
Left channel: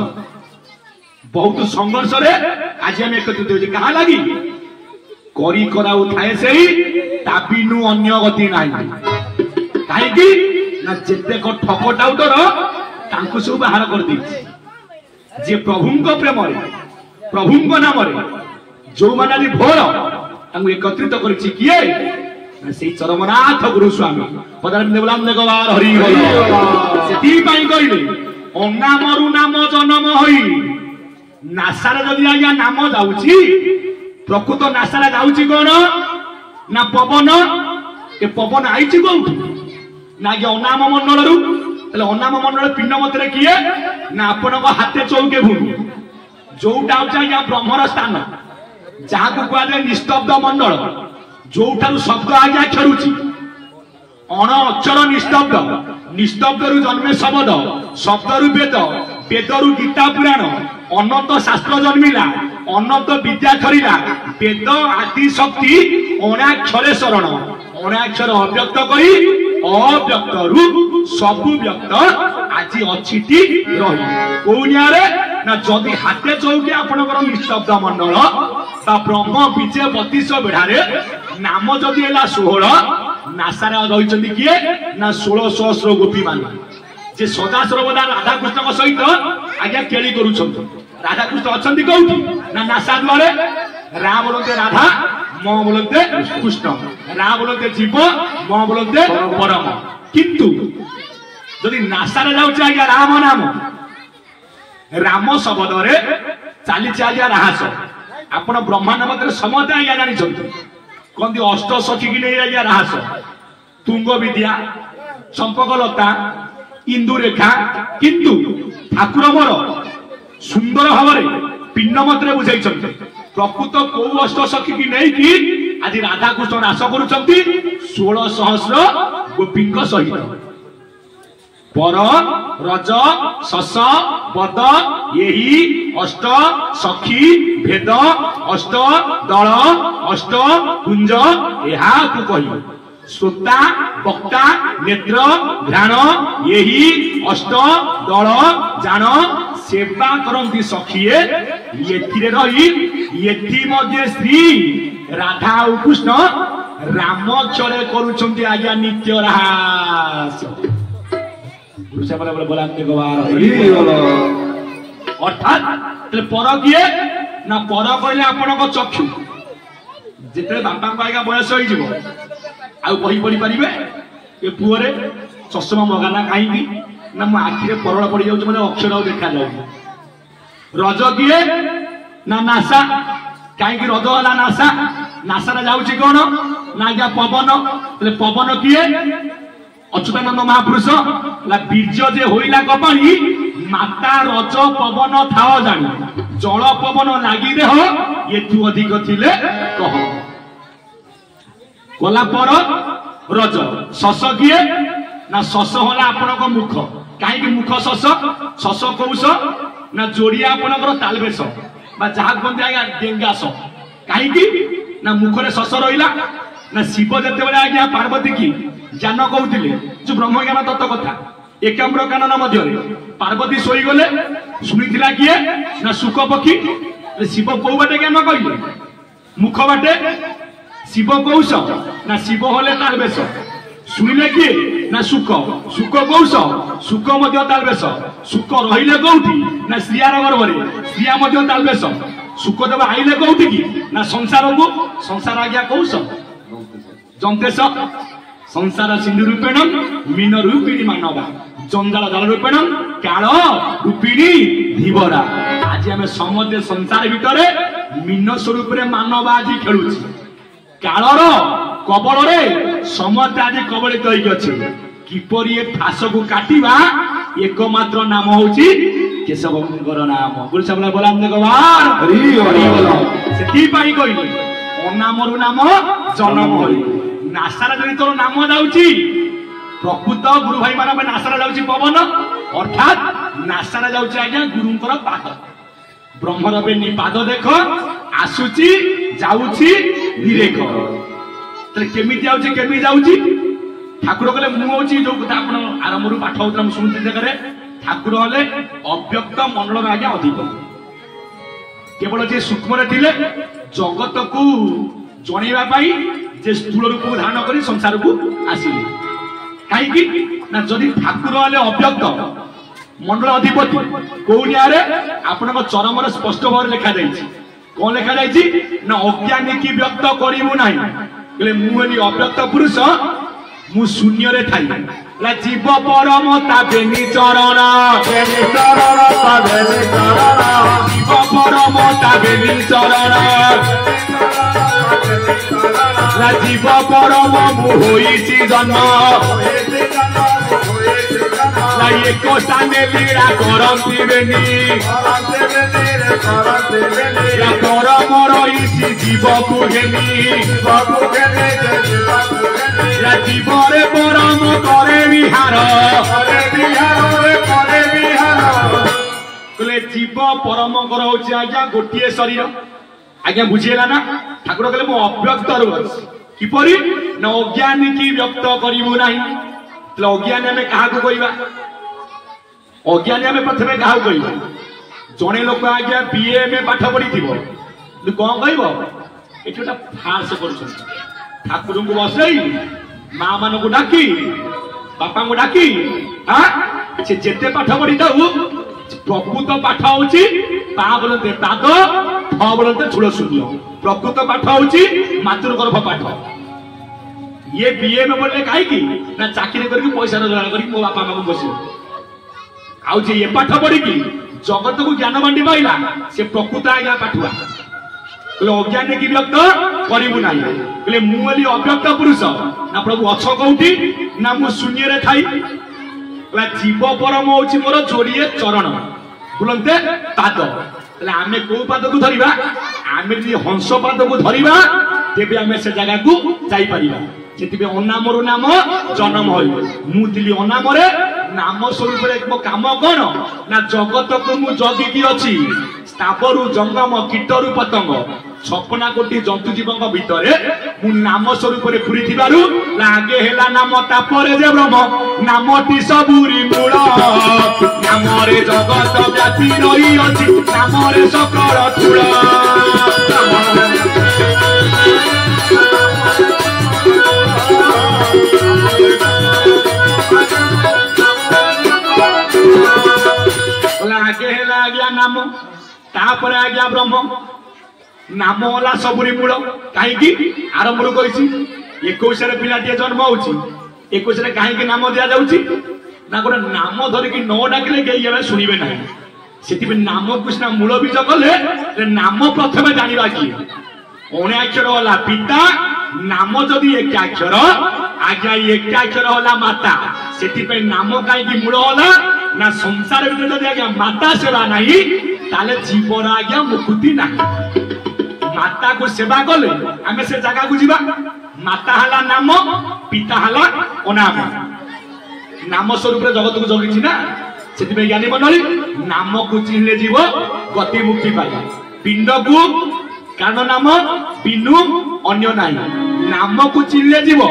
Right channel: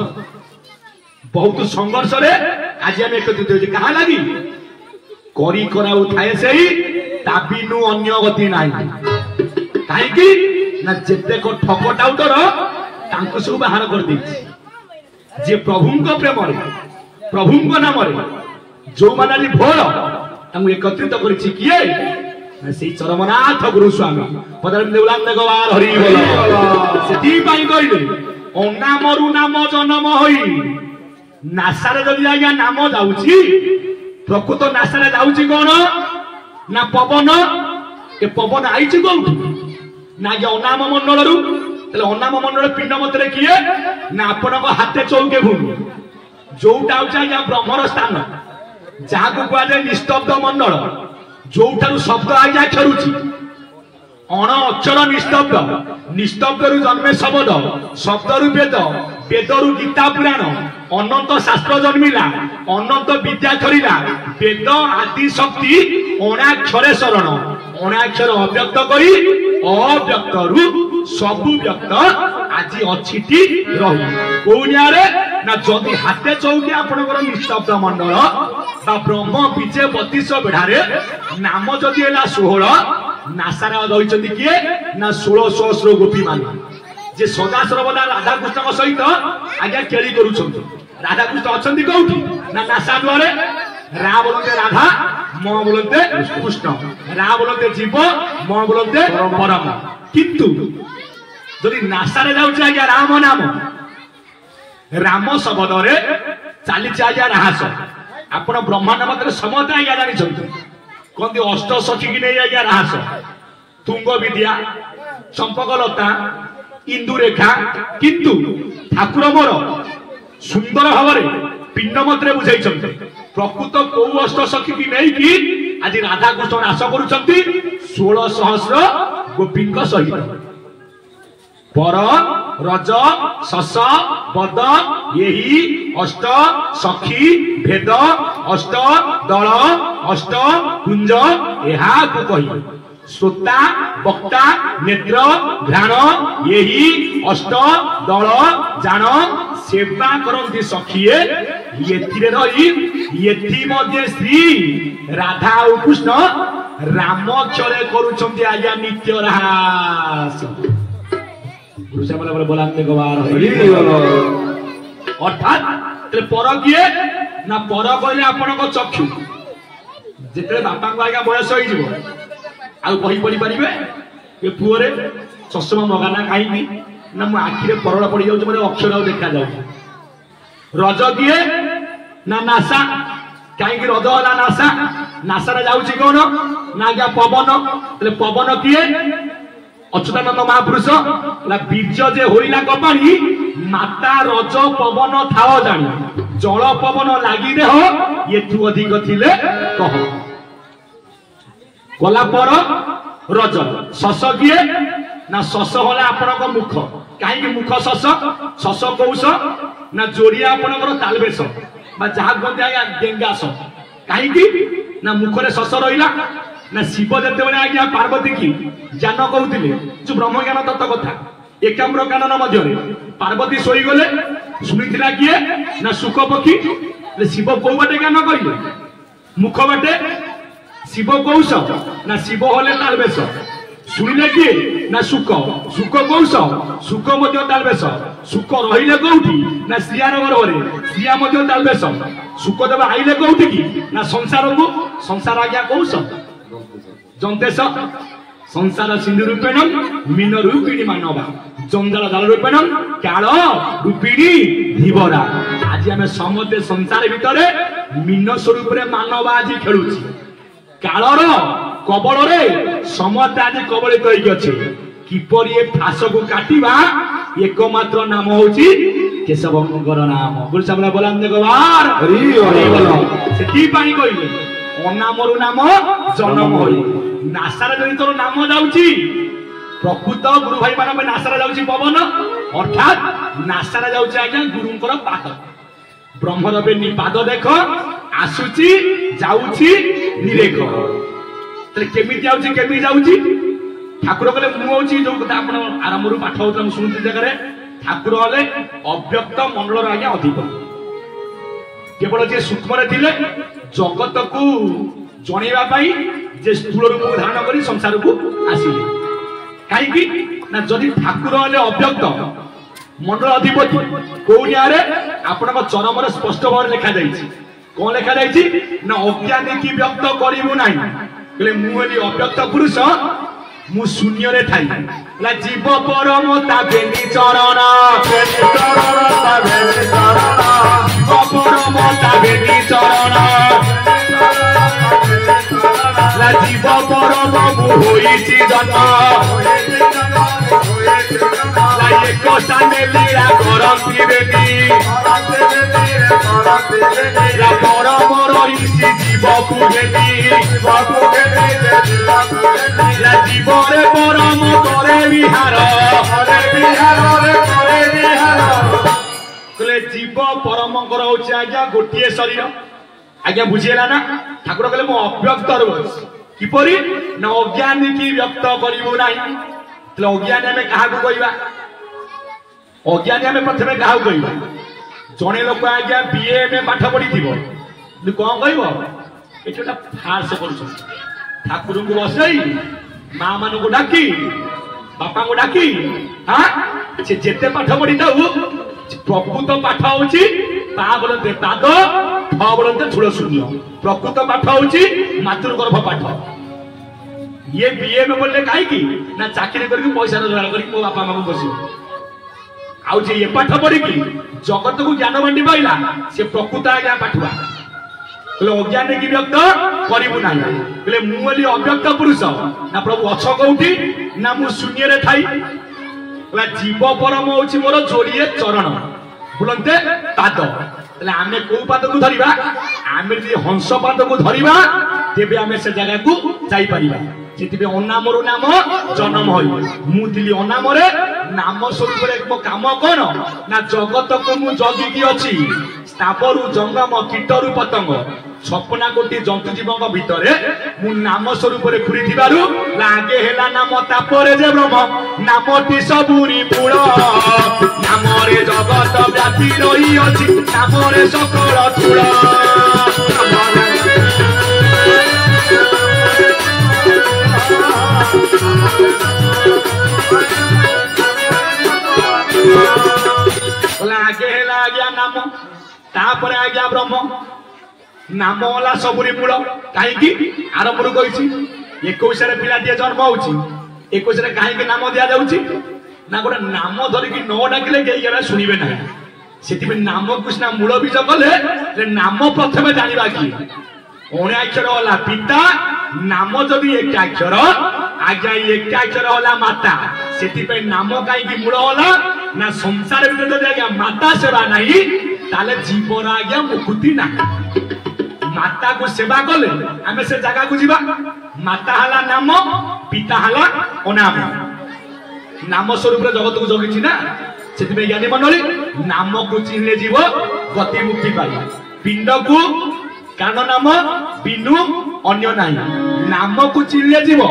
बहुत संघर्ष रे आज हम एकत्रित होजे कहा लागी करी करा उठाए सेही ताबिनु अन्य गति नाही काहे की ना जेते को ठक टाउटर तांको सब बाहर कर दी जे प्रभुंको प्रेम रे प्रभुंको नाम रे जो मानाली भोर तांको एकत्रित करिछि किए ना सेही चरमनाथ गुरु स्वामी पदार देवलाम देगवार हरि बोल सेती पाई कहिले अनामरु नाम जन्म होई नासारे जदि आज्ञा नाम जाउछि प्रकृत नासारे जाउछि कोन ना पवन ए पवन आइछि कोन ना कि अनाम मंडल रु तले अनाम मंडल पिंड मतरे किए ना आपनको हाथे चौके भूमि जोटा होछि आज्ञा ब्रह्मर स्थान जहा को कुआ जाय निस्तब्ध मंडल जोठारु शब्द आज्ञा खेरुछि अण अक्षर निस्तब्ध निस्तब्ध रु जन्मे शब्द शब्द रु वेद वेद रु गीता पुराण अनंत शास्त्र जन्मिला अनंत विद्या खरीला वेद आदि शक्ति अणाक्षरे शरण अणाक्षर अव्यक्त करी अव्यक्त रु सबु व्यक्त आज अचिति रही कोनिया रे ना जदि हाथे चौकी आपनकर निस्तब्ध मंडल बा ब्रह्म बीजे 32 बेढ़ारे नाम जदि हैला 16 नासारा रहिचंदी किए ना 16 सहस्र गोपी मान जे सदा सर्वदा राधा कृष्ण सहित आज्ञा केली करूछंती राधा कृष्ण अछंती कोउठी ना नासा द्वारे रा बोलते राधा म बोलते कृष्ण रा बोलते जीव म बोलते परम किंतु जदि नासा रे जाउछ आज्ञा राम नाम राम शब्द रे चाली आज्ञा राहस आपण ब्रह्मांड मत समते आज्ञा जानी छंती कोंदी अष्ट सखी की नहीं आज्ञा राहस तुंग विद्या चंपकलता इंदुरेखा किंतु ठाकुर मोर सुंदर भाव पिंड मत बुझाई प्रकृत कौ अष्ट सखी की नहीं कि आज राधा कृष्ण नाश करुचंती 16 सहस्र गोपी सहित पर रज शस बद यही अष्ट सखी भेद अष्ट दल अष्ट कुंज यहा को कही श्रोता वक्ता नेत्र घ्राण यही अष्ट दल जान सेवा करती सखीए ये रही ये मध्य श्री राधा और कृष्ण राम चले करुछंती आज्ञा नित्य रहास अर्थात पर किए ना पर कहले आपण चक्षु जिते बापा आज्ञा बयस हो आउ कही पढ़ी पारे ये पुअरे चषमा मगाना कहीं ना मो आखिरे परड़ पड़ जाऊँ मतलब अक्षर देखा जाऊ रज किए ना नासा कहीं रज है नासा नासा जाऊँगी कौन ना आज्ञा पवन पवन किए अच्युतानंद महापुरुष बीज जे होइला कपाणी माता रज पवन थाओ जानी जल पवन लागी देह ये तू अधिक थिले कह गला पर रज शस किए ना शस होला आपनक मुख कहीं मुख शस शस कौश ना जोड़िया आपनकर तालबेश बा जहा कहते आज्ञा डेंगास कहीं ना मुखरे शस रहिला ना शिव जेते बेले आज्ञा पार्वती की जान कहते जो ब्रह्म ज्ञान तत्व कथा एकाम्र कानन मध्य पार्वती सोई गले शुणीला किए ना सुख पक्षी शिव कौ बाटे ज्ञान कहले मुख बाटे शिव कौश ना शिव हले तालबेश शुणिले किए ना सुख सुख कौश सुख मध्य तालबेश सुख रहिले कौटी ना श्रियार गर्भरे श्रिया मध्य तालबेश सुख देव आइले कौटी की ना संसार को संसार आज्ञा कौश जंतेश संसार सिंधु रूपेण मीन रूपिणी मानवा जंजाल जल रूपेण काल रूपिणी धीवरा आज आम समते संसार भितर मीन स्वरूप मानव आज खेलुची कालर कबल समते आज कबलित होइछि किपरि ए फास को काटिबा एकमात्र नाम होची केशवंकर नाम गुरुसामला बोलांदे गवार हरि हरि बोल सेती पाई कहिली अनामरु नाम जन्म होई नासार जदि तोर नाम जाउची प्रकृत गुरु भाई मान नासार जाउची पवन अर्थात नासार जाउची आज्ञा गुरुंकर पाद ब्रह्मर बेनी पाद देख आसुची जाउची निरेख तले केमिति जाउची केमि जाउची ठाकुर कहले मु होची जो कथा आपण आरंभरु पाठ होतला सुनुती जगरे ठाकुर हले अव्यक्त मंडल आज्ञा अधिपति केवल जे सूक्ष्म रे थिले जगत को जणेबा पई जे स्थूल रूप धारण करी संसार को आसिले कहीं ना जदि ठाकुर हले अव्यक्त मंडल अधिपति कोनिया रे आपन चरम रे स्पष्ट भाव लिखा जाइछि कोन लिखा जाइछि ना अज्ञानी की व्यक्त करिवु नाही बोले मु हली अव्यक्त पुरुष मु शून्य रे ठाई ला जीव परम ता बेनी चरण बेनी चरण ता बेनी चरण जीव परम ता बेनी चरण ला जीव परम होईछि जन्म ला एक साने लीला करंती बेनी ला परम रईछि जीव को घेनी ला जीव रे परम परमकर होची आज्ञा गोटिए शरीर आज्ञा बुझीला ना ठाकुर कहले मो अव्यक्त रहुछि किपरि न अज्ञानी की व्यक्त करिवु नाही तले अज्ञानी हमें काहा को कहिबा अज्ञानी हमें प्रथमे काहा को कहिबा जने लोक आज्ञा बीए में पाठ पढ़ी थिबो तू कोन कहबो एटा फार्स करछ ठाकुर को बसई मां मान को डाकी बापा को डाकी हां से जेते पाठ पढ़ी थाउ प्रकृत पाठ होची पा बोलते पाद ठ बोलते झुल शून्य प्रकृत पाठ होची मातृगर्भ पाठ ये बीए में बोलले काहे की ना चाकरी करके पैसा रोजगार करके मो बापा मां को बसियो आउ जे ये पाठ पढ़ी की जगत को ज्ञान बांटी पाइला से प्रकृत आज्ञा पाठुआ कहले अज्ञान की व्यक्त करिवु नाही कहले मु बोली अव्यक्त पुरुष ना प्रभु अछ कोठी ना मु शून्य रे थाई कहला जीव परम होची मोर जोड़िए चरण बोलते पाद तले आमे को पाद को धरिबा आमे जे हंस पाद को धरिबा तेबे आमे से जगह को जाई परिबा सेतिबे अनामरो नाम जन्म होई मु दिली अनामरे नाम स्वरूप रे मो काम कोन ना जगत को मु जगी की अछि स्थापरु जंगम कीटरु पतंग 56 कोटी जंतु जीवक भितरे मु नाम स्वरूप रे खुरी थिबारु लागे हेला नाम तापरे जे ब्रह्म नामटी सबुरी मूल नाम रे जगत व्यापी रही अछि नाम रे सकल चूल लागे हेला आज्ञा नाम तापरे आज्ञा ब्रह्म नाम वाला सबुरी मूल कहीं आरंभ कही 21 पिलाटी जन्म होची 21 कहीं नाम दिया जाउची ना गोटे नाम धरिकी न डाकिले के शुणवे ना से नाम कृष्ण मूल बीज कले नाम प्रथम जाना किए 9 अक्षर होला पिता नाम जदि 1 अक्षर आज्ञा 1 अक्षर होला माता से नाम कहीं मूल होला ना संसार भीतर आज्ञा माता सेवा नहीं ताले जीवन आज्ञा मुक्ति ना माता को सेवा कले आमे से जगह को जीवा माता हला नाम पिता हला अनाम नाम स्वरूप जगत को जगी ना से ज्ञानी मंडली नाम को चिन्हले जीव गति मुक्ति पाई पिंड को कारण नाम बिनु अन्य नहीं नाम को चिन्हले जीव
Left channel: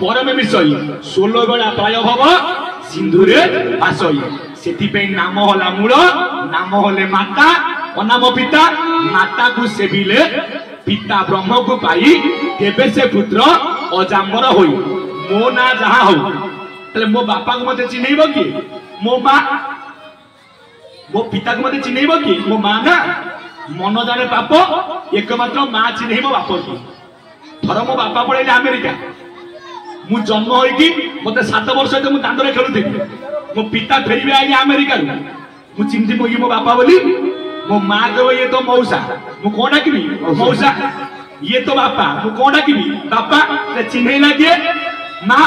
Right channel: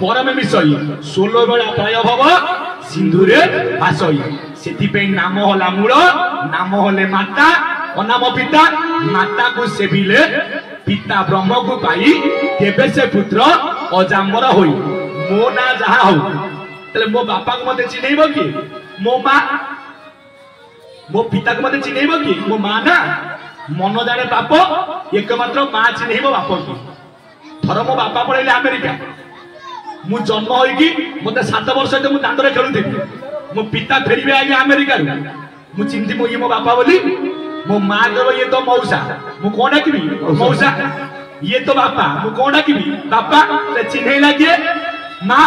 परमे मिसई 16 बेला प्राय भव सिंधुरे भासई सेति नाम हला मूल नाम हले माता अनाम पिता माता को सेविले पिता ब्रह्म को पाई तेबे से पुत्र अजाम्बर होई मो ना जहा हो तले मो बापा को मते चिन्हैबो कि मो मां मो पिता को मते चिन्हैबो कि मो मां ना मन जाने पाप एकमात्र मां चिन्हैबो बाप की थर मो बापा पळैले अमेरिका मु जन्म होई कि मते 7 वर्ष ते मु दांडरे खेलुथिबि मो पिता फेरिबे आगे अमेरिका रु मु चिन्हि मो मो बापा बोली मो मां कहबो ये तो मौसा मु कोन डाकिबी मौसा ये तो बापा मु कोन डाकिबी बापा ते चिन्है लागे मां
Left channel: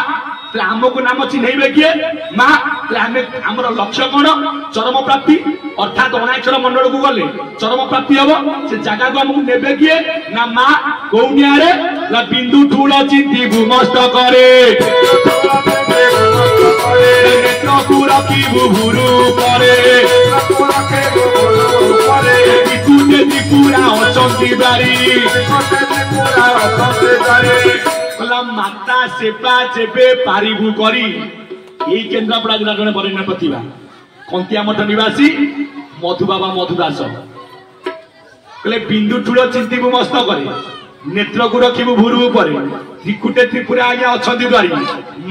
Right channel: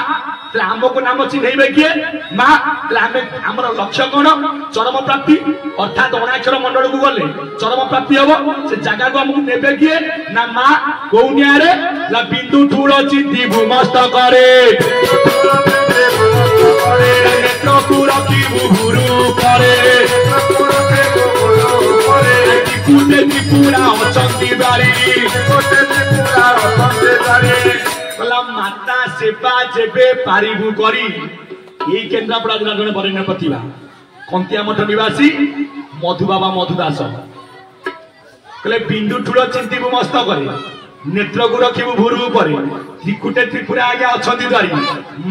ते हमको नाम चिन्हैबे किए मां ते हमें हमर लक्ष्य कोन चरम प्राप्ति अर्थात अनाक्षर मंडल को गले चरम प्राप्ति हबो से जगह को हमको नेबे किए ना मां गौनिया रे ला बिंदु ठूल चिंती भूमस्त करे नेत्र को रखी भूभुरु करे पूरा अचंती बारी माता सेवा जेबे पारिबु करी एई केन्द्रापड़ा जिला जने बरेण्य प्रतिभा कंतिया मठ निवासी मधु बाबा मधुदास कहले बिंदु ठूल चिंतीबु मस्त करे नेत्र को रखिबु भुरु परे त्रिकुटे त्रिपुरा आगे अछंती द्वारी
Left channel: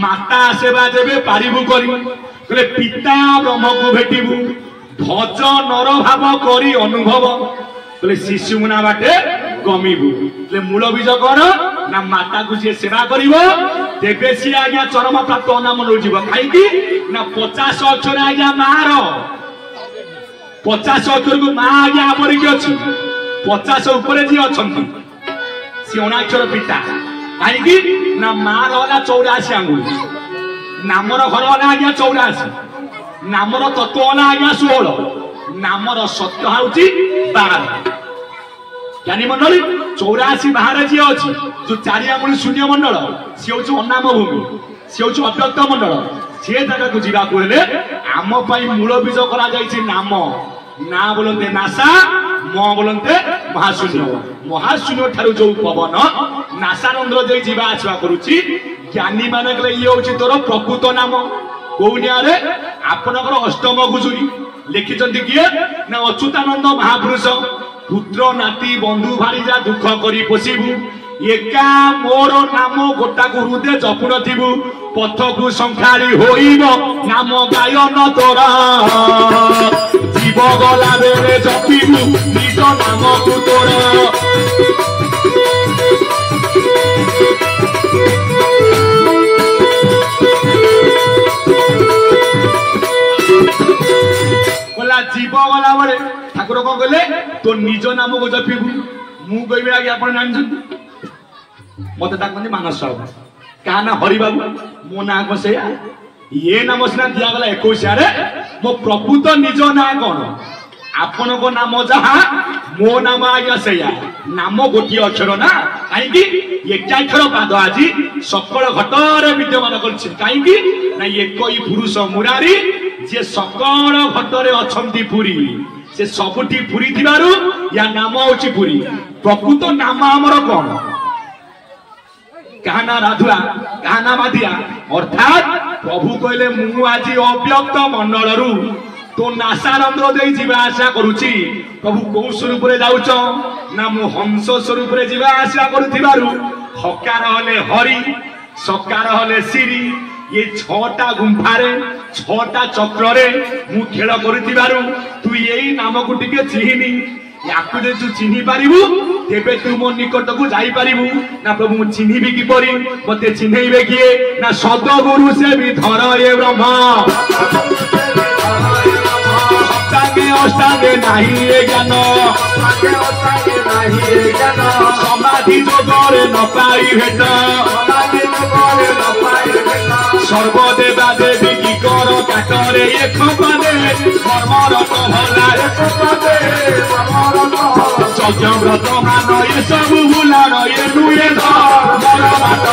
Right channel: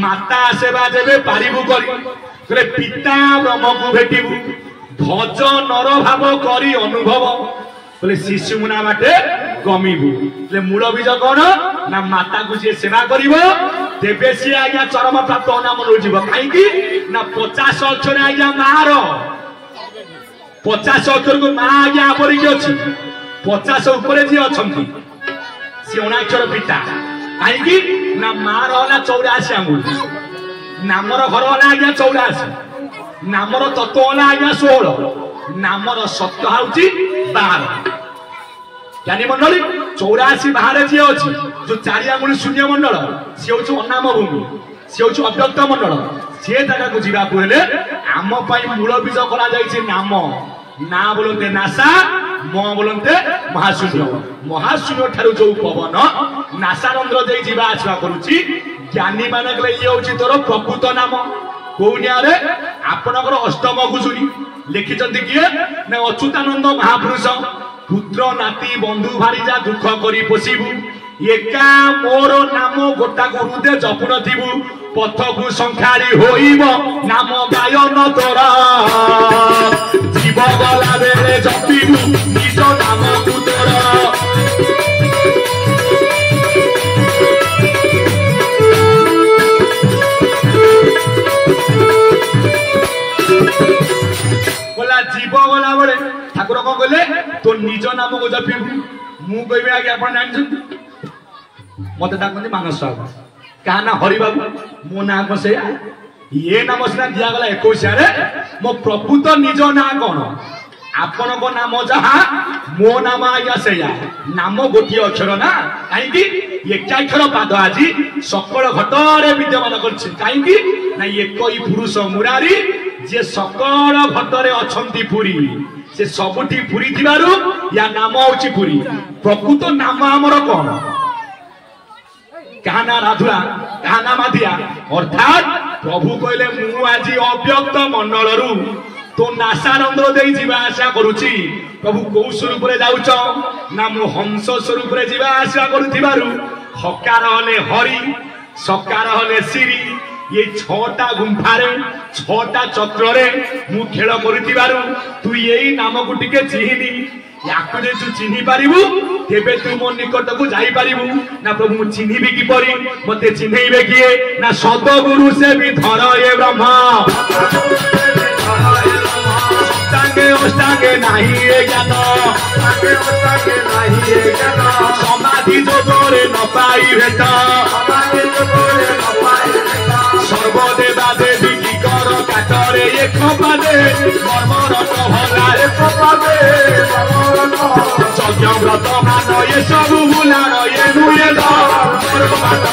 माता सेवा जेबे पारिबु करी कहले पिता ब्रह्म को भेटिबु भज नर भाव करी अनुभव बोले शिशु मुना बाटे गमीबु ले मूल बीज कोन ना माता को जे सेवा करिवो तेबे सी आज्ञा चरम प्राप्त नाम नो जीव काई की ना 50 अक्षर आज्ञा मार 50 अक्षर को मां आज्ञा पर की अछि 50 ऊपर जे अछंती सी अनाक्षर पिता काई की ना मार होला 84 अंगुल नामर घर होला आज्ञा 84 नामर तत्व होला आज्ञा 16 नामर सत्य होची 12 ज्ञानी मंडली 84 बाहर जे अछि जो 4 आंगुली शून्य मंडल से होची अनाम भूमि से होची अव्यक्त मंडल से जगह को जीवा को हेले आम पई मूल बीज करा जाईछि नाम ना बोलते नासा म बोलते महाशून्य महाशून्य ठारू जो पवन नासा रंध्र दे जीवा आसवा करूची ज्ञानी मानक ये होची तोर प्रकृत नाम कोनियारे आपनकर अष्टम घुसुरी लिखिचंती किए ना अच्युतानंद महापुरुष पुत्र नाती बंधु भारीजा दुख करी पोषिबू एका मोर नाम गोटा को हृदय जपुन थिबू पथ को संखारी होइब नाम गायन तोर जीव गला बेले जपिबू निज नाम को तोर बोला जीव गला बेले ठाकुर को कहले तो निज नाम को जपिबू मु कहबे आगे आपण जानछन मत कहते मानस साहू क्या ना हरि बाबू मो ना कौन से ये नाम सीना दिगला 21 मो प्रकृत निज ना कौन आपण को नाम जहाँ मो नाम आज्ञा से नाम गोटे अक्षर ना कहीं एक अक्षर पाद आज सकल घटरे विद्यमान कहीं एक पुरुष मुरारी जे सकल घटरे अच्छी पुरी से सबुठी पुरी थिबारु या नाम होची पुरी प्रकृत नाम आमर कौन कहना राधुआ कहना माधिया अर्थात प्रभु कहले मु आज अव्यक्त मंडल रु तो नासा रंध्र दे जीवा आशा करूची प्रभु को स्वरूप रे जाउच ना मु हंस स्वरूप रे जीवा आशा करूथिबारु हकार हले हरि सकार हले सिरी ये 6टा गुंफारे 6टा चक्र रे मु खेल करूथिबारु तू एई नाम को टिके चिहिनी याकु जे तू चिन्हि पारिबु तेबे तू मो निकट को जाई पारिबु ना प्रभु चिन्हिबी कि परी मते चिन्हैबे किए ना सद्गुरु से भी धर ये ब्रह्म सप्तांगे अष्टांगे नाही ए ज्ञान समाधि जोगरे न पाई भेट सर्वदेवा देवी की कर काटरे एक पादे मरमर भला एक पादे यज्ञ व्रत मान ये सब भूलान ये नुए मर मान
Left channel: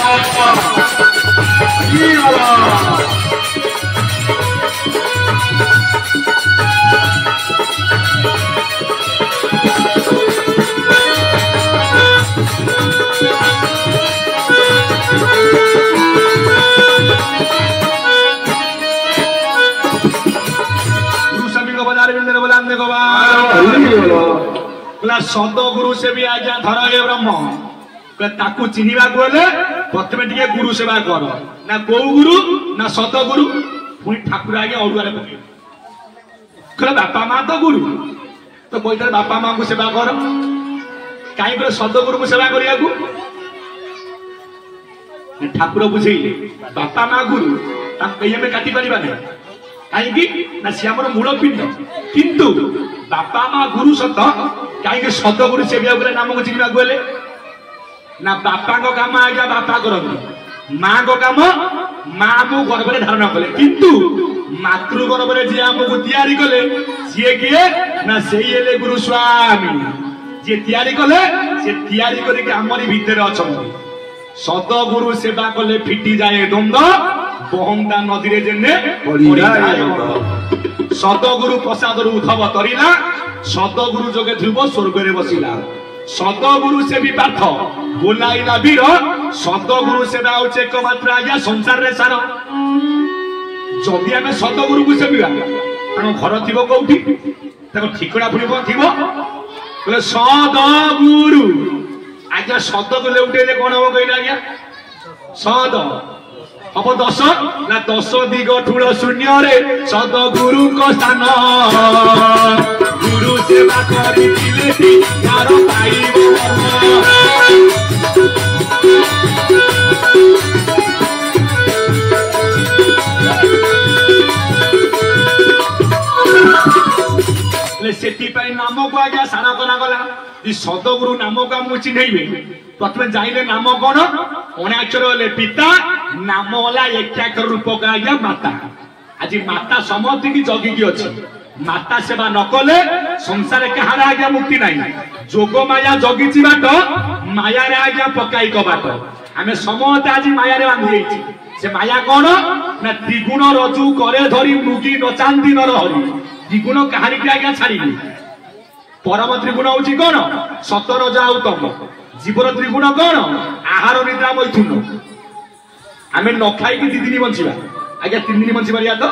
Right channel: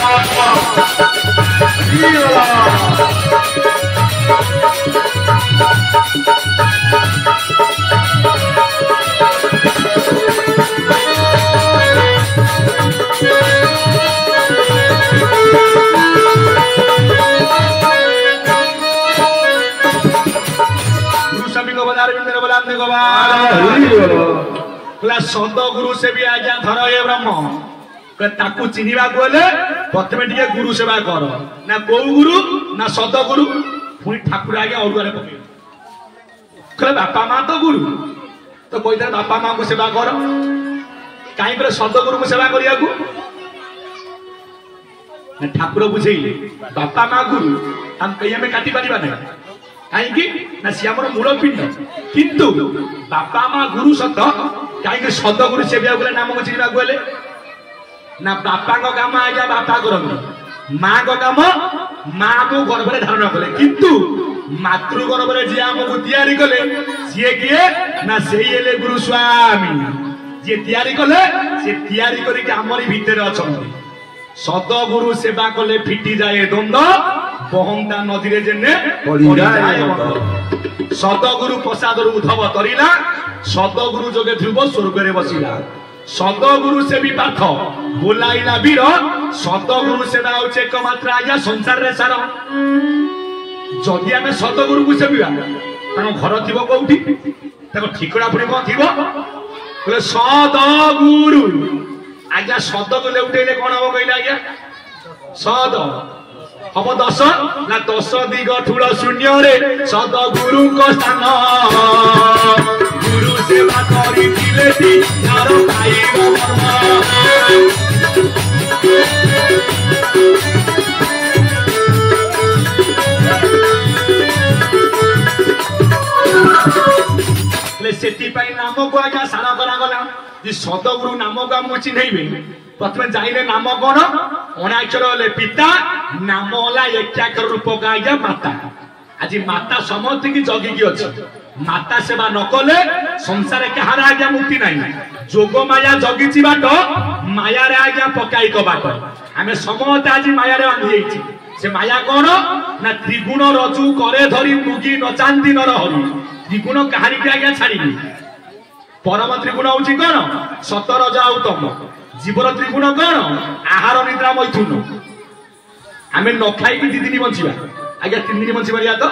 सदगुरु से भी आज्ञा धर ये ब्रह्म ताकू चिन्हिबा गले प्रथमे टिके गुरु सेवा कर ना को गुरु ना सदगुरु पुणी ठाकुर आज्ञा अरुआरे पके कहले बापा मां तो गुरु तो कोई तर बापा मां को सेवा कर काई पर सदगुरु को सेवा करिया को ठाकुर बुझेइले बापा मां गुरु ताम कहिया में काटी परिबा नै कहीं ना सी आमर मूल पिंड किंतु बापा मां गुरु सत कहीं सदगुरु सेवा गले नाम को चिन्हिबा गले ना बापा को काम आज्ञा बापा करते मां को काम मां को गर्भ में धारण कले किंतु मातृ गर्भ में जी आमको तैयारी कले सी किए ना से गुरु स्वामी जी तैयारी कले से तैयारी करके आमरी भितर अछंती सदगुरु सेवा कले फिटी जाए द्वंद बहंता नदी रे जेने पड़ी जाए सदगुरु प्रसाद उद्धव तरिला सदगुरु जोगे ध्रुव स्वर्ग रे बसिला सदगुरु से भी पाठ बोलाइला वीर सदगुरु सेवा होचे एकमात्र आज्ञा संसार रे सार जदि आमे सदगुरु को सेविबा ताको घर थिबो कोउठी ताको ठिकड़ा पुणी कोन थिबो बोले सदगुरु आज्ञा सद को लेउटेले कोन हो कइला आज्ञा सद हम 10 ना 10 दिग ठुल शून्य रे सदगुरु को स्थान गुरु सेवा करी दिले यार पाइबो से नाम को आज्ञा सारा करा गला सदगुरु नाम को आम चिन्हबे प्रथम जाइले नाम कौन अणाक्षर हेले पिता नाम होला एकाक्षर रूपक आज्ञा माता आज माता समस्त की जगिकी अच्छी माता सेवा न कले संसार कहार आज्ञा मुक्ति नहीं जोग माया जगिची बाट माया रे आज्ञा पकाई को बाट आम समस्त आज माया रे बांधि जाइछि से माया कौन ना त्रिगुण रजु करे धरी मृगी नचांदी नर हरि त्रिगुण कहानी के आज्ञा छाड़ी परम त्रिगुण हूँ कौन सत रज आउ तम जीवन त्रिगुण कौन आहार निद्रा मैथुन आम न खाई 2 दिन बंचा आज्ञा 3 दिन बंची पारिया तो